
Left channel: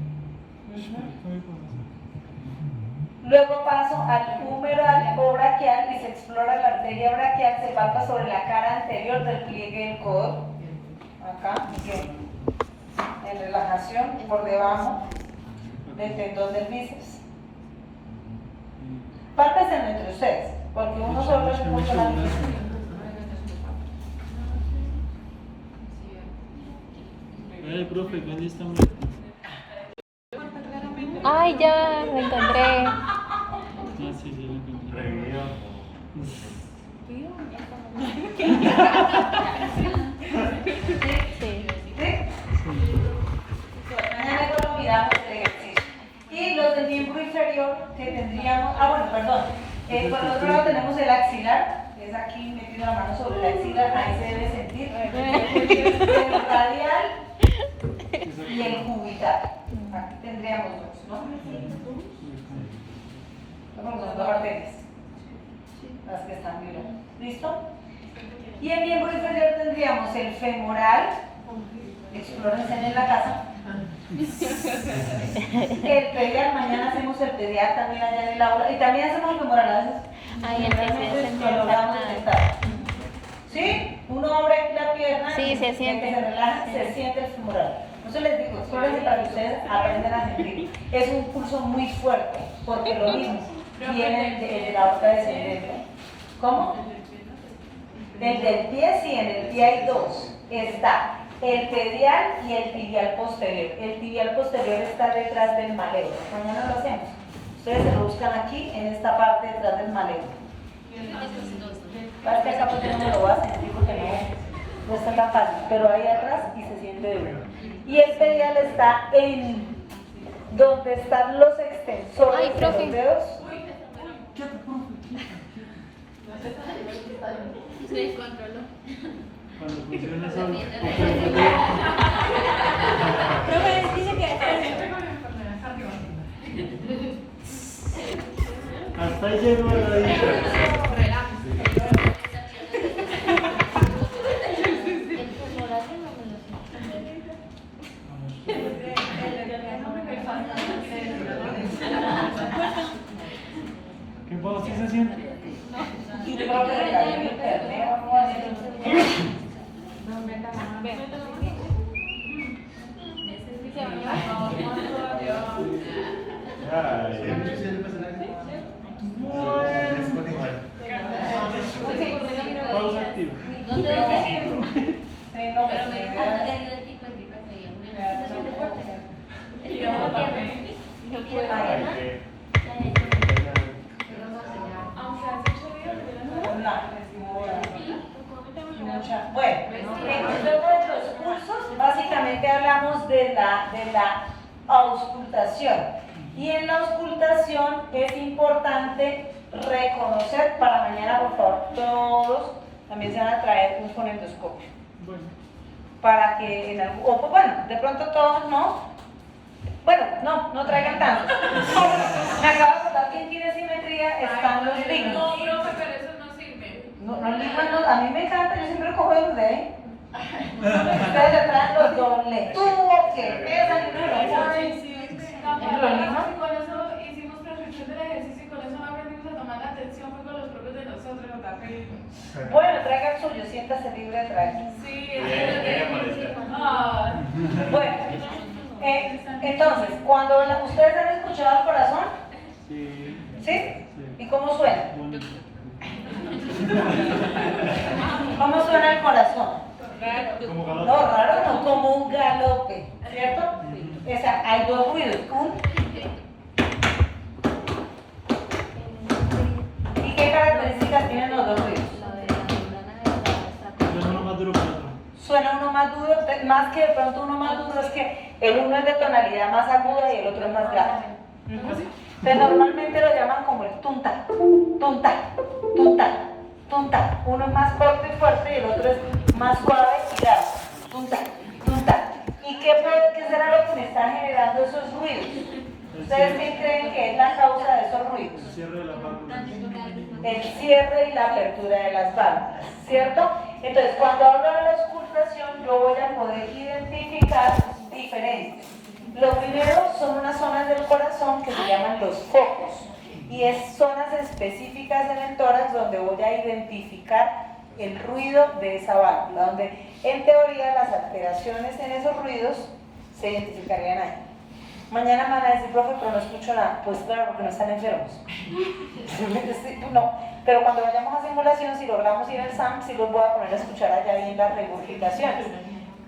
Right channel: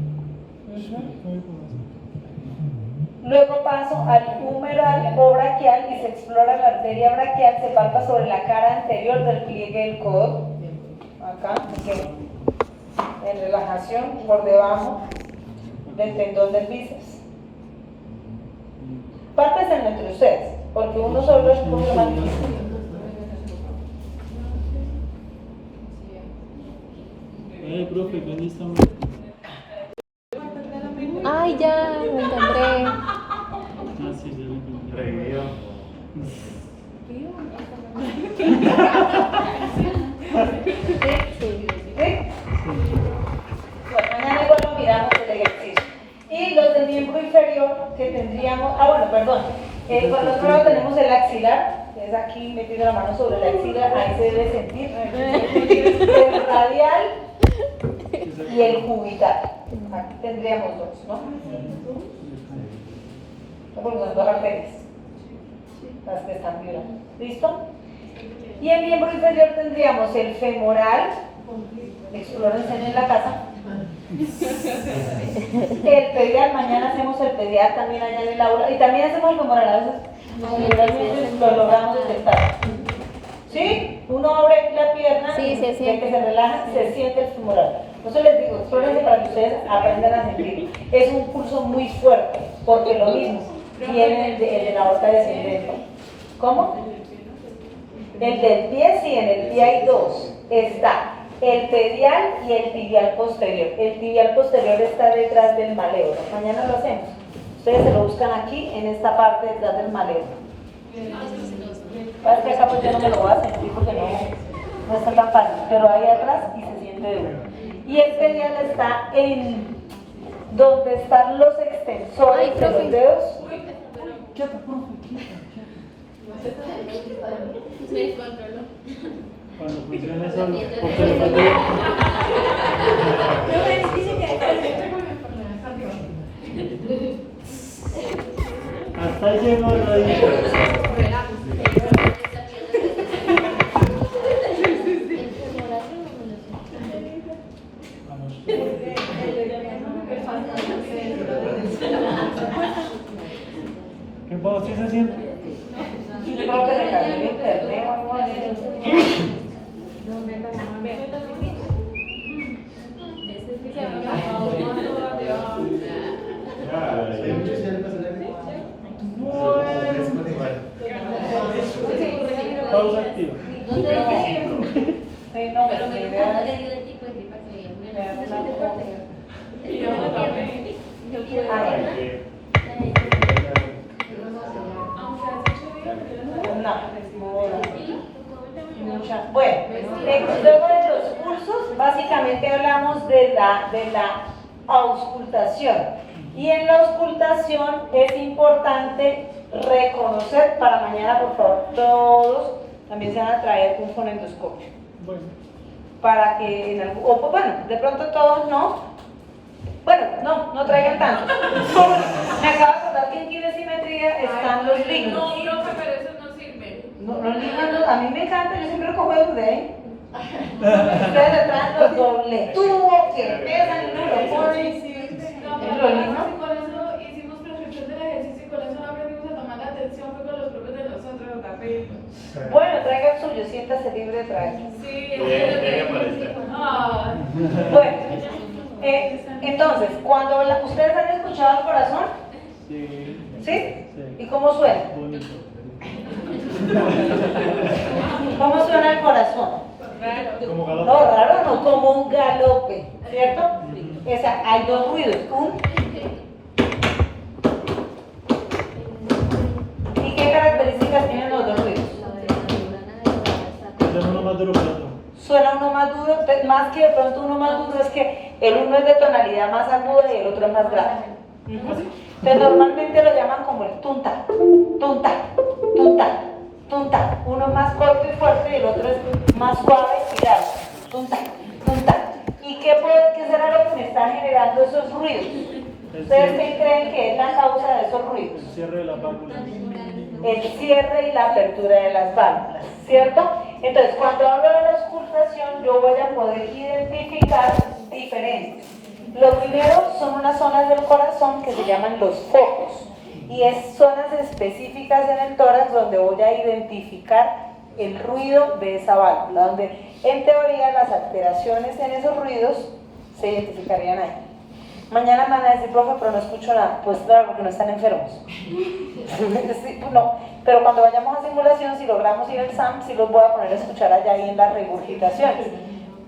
Luego paso al humeral o braquial y se explora la arteria braquial, se palpa sobre la cara anterior del pliegue del codo, acá, en relajación, por debajo del tendón del bíceps. Pálpense entre ustedes, porque uno solo es mucho más difícil. Profe, ¿dónde estamos? Ay, ya, lo encontré. Sí, ya lo encontré. Sí. ¿Sí? Mañana luego lo miramos el ejercicio. Y los del miembro inferior que tendríamos, perdón. Por otro lado tenemos el axilar, es aquí metiendo la mano sobre el axilar, ahí se debe sentir. El radial, y el cubital. Aquí tendríamos dos, ¿no? Porque son dos arterias, las que están violando. ¿Listo? Y en miembro inferior tendríamos el femoral, explórense en la casa. El pedial, mañana hacemos el pedial también allá en el aula. Y también hacemos el femoral, a veces realmente lo logramos detectar. ¿Sí? Uno abre la pierna Sí, y se siente. que se relaja, se siente el femoral. Por eso les digo, explórense para que ustedes aprendan a sentir. Es un pulso muy fuerte, porque lo mismo viene de la aorta descendente. ¿Cómo? El del pie, sí, en el pie hay dos. Está el pedial y el tibial posterior. El tibial posterior está detrás del maléolo. Mañana lo hacemos. Ustedes se lo buscan aquí, en esta parte detrás del maléolo. Parece que acá pues yo no me lo voy a sentir porque no está tan fácil, pero ahí atrás y se siente duro. Y el pedial está en donde están los extensores Ay, de profe. los dedos. Se controló. Cuando funciona solo. Dice que Hasta ahí llegó la radio. ¿Qué pasa? ¿Sí se siente? Pausa activa. Pero me encanta que diga el tipo de tipo Bueno, luego de los pulsos, básicamente hablamos de la auscultación. Y en la auscultación es importante reconocer, para mañana por favor todos también se van a traer un fonendoscopio. Bueno. Para que, bueno, de pronto todos no. Bueno, no traigan tanto. Me acabo de acordar que en kinesimetría están los lignos. no, profe, pero eso no sirve. Los lignos, a mí me encanta, yo siempre cojo de ahí. Ustedes le traen los doble tubo que pesan y no lo ponen. Con eso hicimos prescripción del ejercicio y con eso no aprendimos a tomar la atención, fue con los propios de nosotros, David. Bueno, traiga el suyo, siéntase libre de traer. Sí, Bueno, entonces, cuando ustedes han escuchado el corazón, Sí. ¿sí? ¿Y cómo suena? Bonito. ¿Cómo suena el corazón? Como galope. No, raro no, como un galope, ¿cierto? Hay dos ruidos, ¿y qué características tienen los dos ruidos? Suena uno más duro que el otro. Suena uno más duro, más que de pronto uno más duro es que el uno es de tonalidad más aguda y el otro es más grave. ¿Así? Entonces normalmente lo llaman como el tunta, tunta, tunta, tunta. Uno es más corto y fuerte y el otro es más suave y grave. Tunta, tunta. ¿Y qué será lo que me está generando esos ruidos? ¿Ustedes qué creen que es la causa de esos ruidos? El cierre de la válvula. El cierre y la apertura de las válvulas, ¿cierto? Entonces, cuando hablo de la auscultación, yo voy a poder identificar diferentes. Lo primero son unas zonas del corazón que se llaman los focos, y es zonas específicas en el tórax donde voy a identificar el ruido de esa válvula, donde en teoría las alteraciones en esos ruidos se identificarían ahí. Mañana me van a decir, profe, pero no escucho nada. Pues claro, porque no están enfermos. No, pero cuando vayamos a simulación, si logramos ir al SAM, sí los voy a poner a escuchar allá ahí en las regurgitaciones.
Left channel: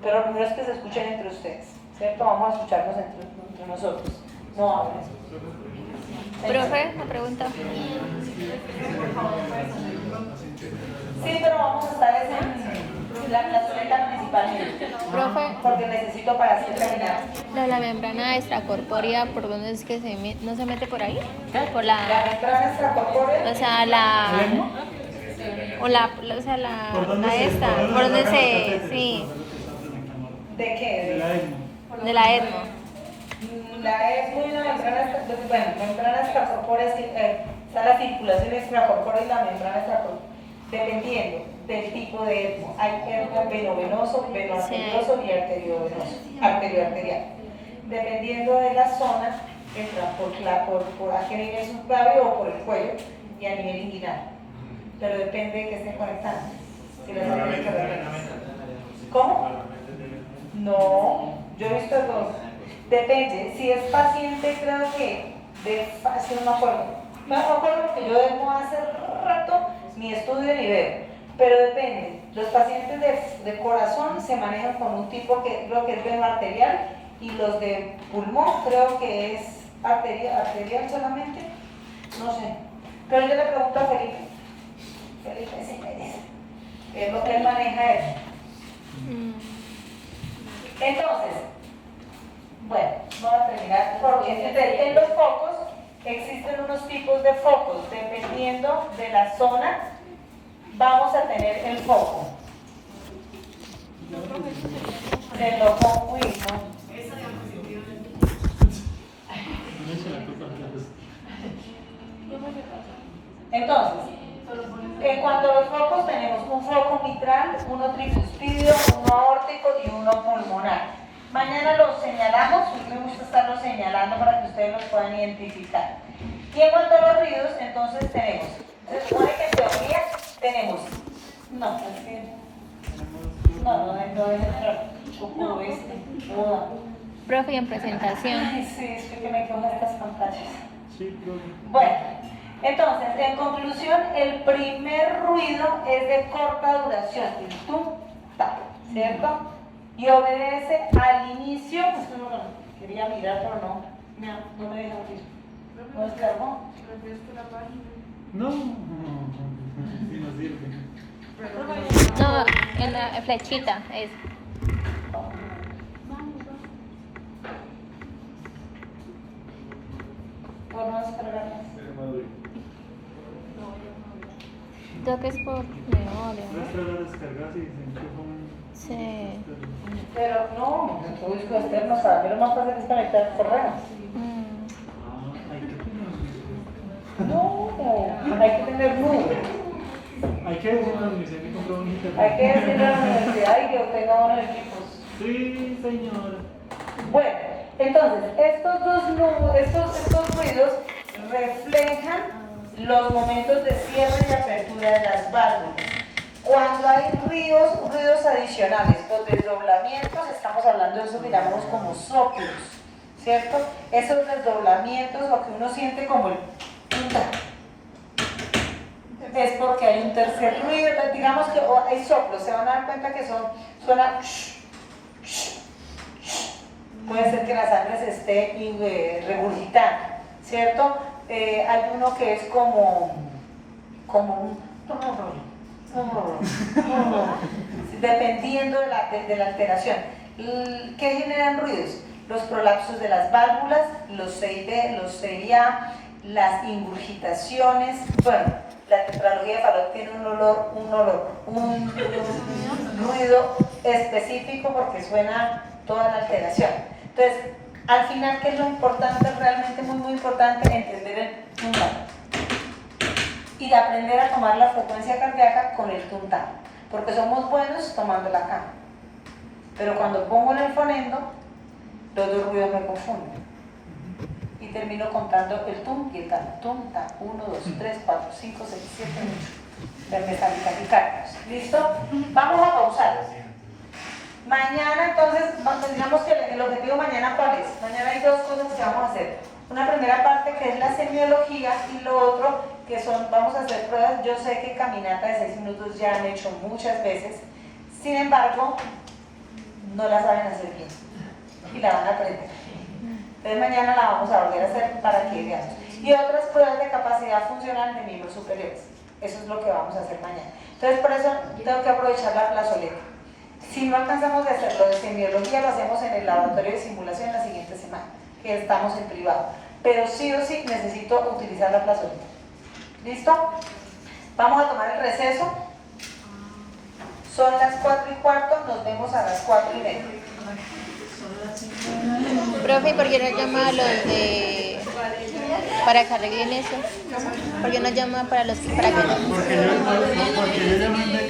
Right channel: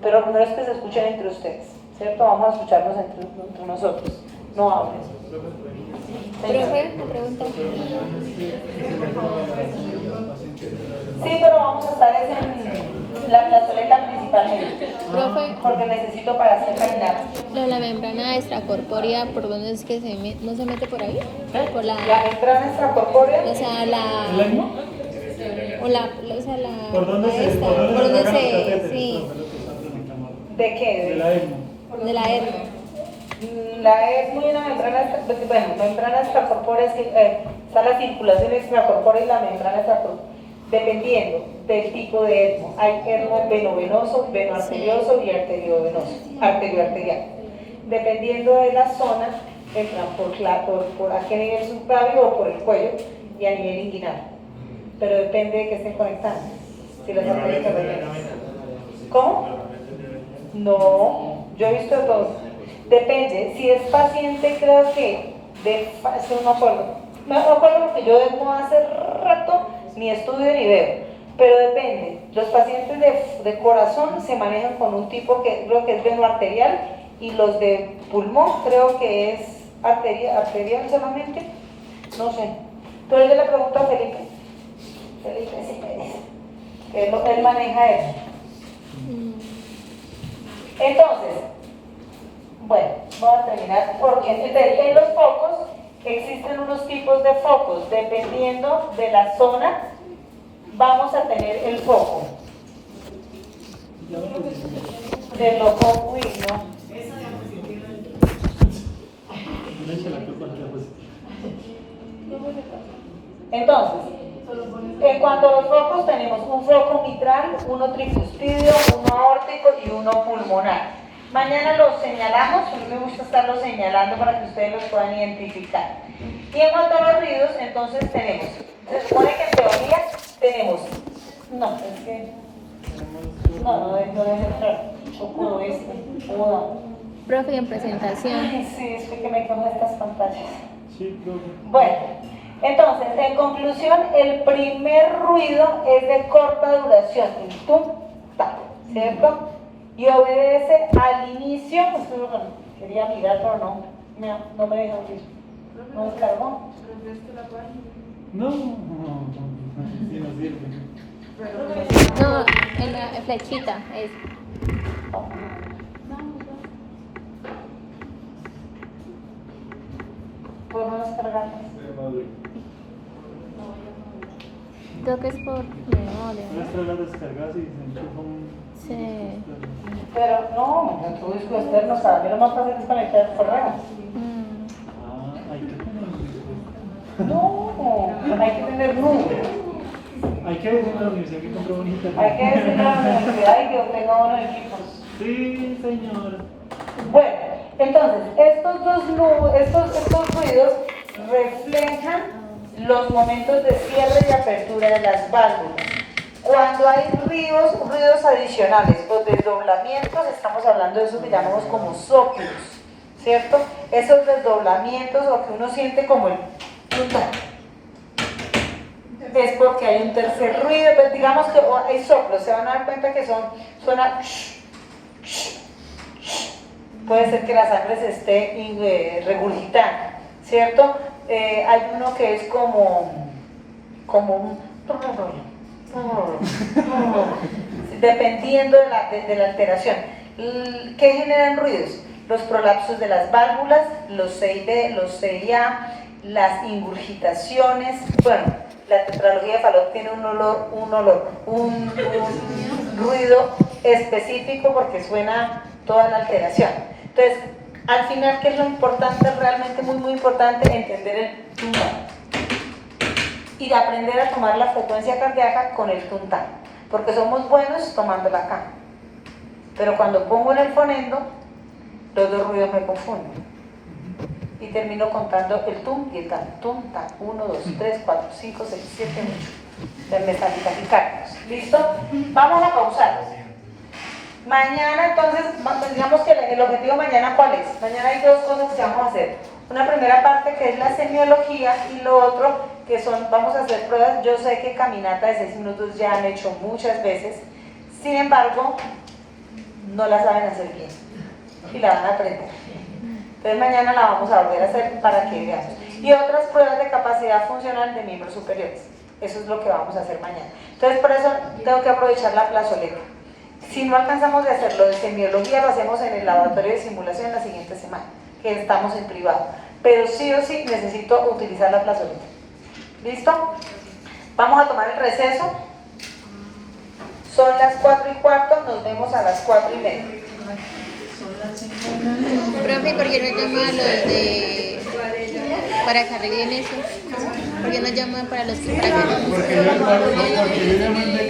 Pero lo primero es que se escuchen entre ustedes, ¿cierto? Vamos a escucharnos entre nosotros. No hablen. Profe, una pregunta. Sí, pero vamos a estar en la soledad principalmente. Profe, Porque necesito para hacer terminar. la membrana extracorpórea, ¿por dónde es que no se mete por ahí? Por La la, membrana extracorpórea. o sea, la, ¿Lengua? o sea, la, ¿Por dónde la se esta, por dónde por dónde sacamos se, catéteres? sí. Por lo que está preguntando. ¿De qué? De la ESMO. De la ESMO. La ESMO y una membrana, bueno, membranas extracorpóreas, está la circulación extracorpórea y la membrana extracorpórea, dependiendo del tipo de ESMO. Hay ESMO venovenoso, venoarterioso y arterioarterial. Dependiendo de la zona, entran por a qué nivel suprabio o por el cuello y a nivel inguinal. Pero depende de que estén conectando. Si las arterias ¿Cómo? No, yo he visto dos. Depende, si es paciente, creo que, no me acuerdo. No me acuerdo porque yo no hace rato ni estudio ni veo. Pero depende. Los pacientes de corazón se manejan con un tipo que creo que es venoarterial y los de pulmón creo que es arterial solamente. No sé. Pero yo le pregunto a Felipe. Felipe sí me dice. Él maneja eso. Entonces, bueno, vamos a terminar. Porque en los focos existen unos tipos de focos. Dependiendo de la zona, vamos a tener el foco. De los focos, uy, no. Entonces, en cuanto a los focos, tenemos un foco mitral, uno tricuspidio, uno aórtico y uno pulmonar. Mañana los señalamos, a mí me gusta estarlos señalando para que ustedes los puedan identificar. Y en cuanto a los ruidos, entonces tenemos, se supone que en teoría tenemos, no, es que, no debe entrar, choco Profe, en presentación. Ay, sí, es que me quedo estas pantallas. Sí, profe. Bueno, entonces, en conclusión, el primer ruido es de corta duración, el tum, ta, ¿cierto? Y obedece al inicio, quería mirar, pero no me deja abrir. ¿No descargó? No, sí nos sirve. No, en la flechita, es. ¿Por no descargar? Creo que es por memoria, Nuestra la descargas y se enchufa un... Sí. Pero no, todo disco externo, para mí lo más fácil es conectar programas. Hay que tener... No, hay que tener números. Hay que decirle a la universidad que compró un internet. Hay que decirle a la universidad y que tenga unos equipos. Sí, señor. Bueno, entonces, estos ruidos reflejan los momentos de cierre y apertura de las válvulas. Cuando hay ruidos adicionales o desdoblamientos, estamos hablando de eso que llamamos como soplos, ¿cierto? Esos desdoblamientos o que uno siente como el es porque hay un tercer ruido, pues digamos que hay soplos, se van a dar cuenta que suena puede ser que la sangre se esté regurgitando, ¿cierto? Hay uno que es como un dependiendo de la alteración. ¿Qué generan ruidos? Los prolapsos de las válvulas, los CID, los CIA, las ingurgitaciones. Bueno, la tetralogía de Fallot tiene un ruido específico porque suena toda la alteración. Entonces, al final, ¿qué es lo importante? Realmente muy importante, entender el tuntán y aprender a tomar la frecuencia cardíaca con el tuntán, porque somos buenos tomándola acá, pero cuando pongo en el fonendo, los dos ruidos me confunden y termino contando el tum y el tan, tum, tan, 1, 2, 3, 4, 5, 6, 7, 8 de taquicardias. ¿Listo? Vamos a pausar. Mañana, entonces, digamos que el objetivo mañana, ¿cuál es? Mañana hay dos cosas que vamos a hacer. Una primera parte que es la semiología y lo otro que vamos a hacer pruebas. Yo sé que caminata de 6 minutos ya han hecho muchas veces, sin embargo, no la saben hacer bien y la van a aprender. Entonces mañana la vamos a volver a hacer para que vean. Y otras pruebas de capacidad funcional de miembros superiores. Eso es lo que vamos a hacer mañana. Entonces por eso tengo que aprovechar la plazoleta. Si no alcanzamos de hacerlo de semiología, lo hacemos en el laboratorio de simulación la siguiente semana, que estamos en privado. Pero sí o sí necesito utilizar la plazoleta. ¿Listo? Vamos a tomar el receso. Son las 4:15, nos vemos a las 4:30. Profe, ¿por qué no llama a los de para que arreglen eso? ¿Por qué no llama para los que para que Porque yo llamo de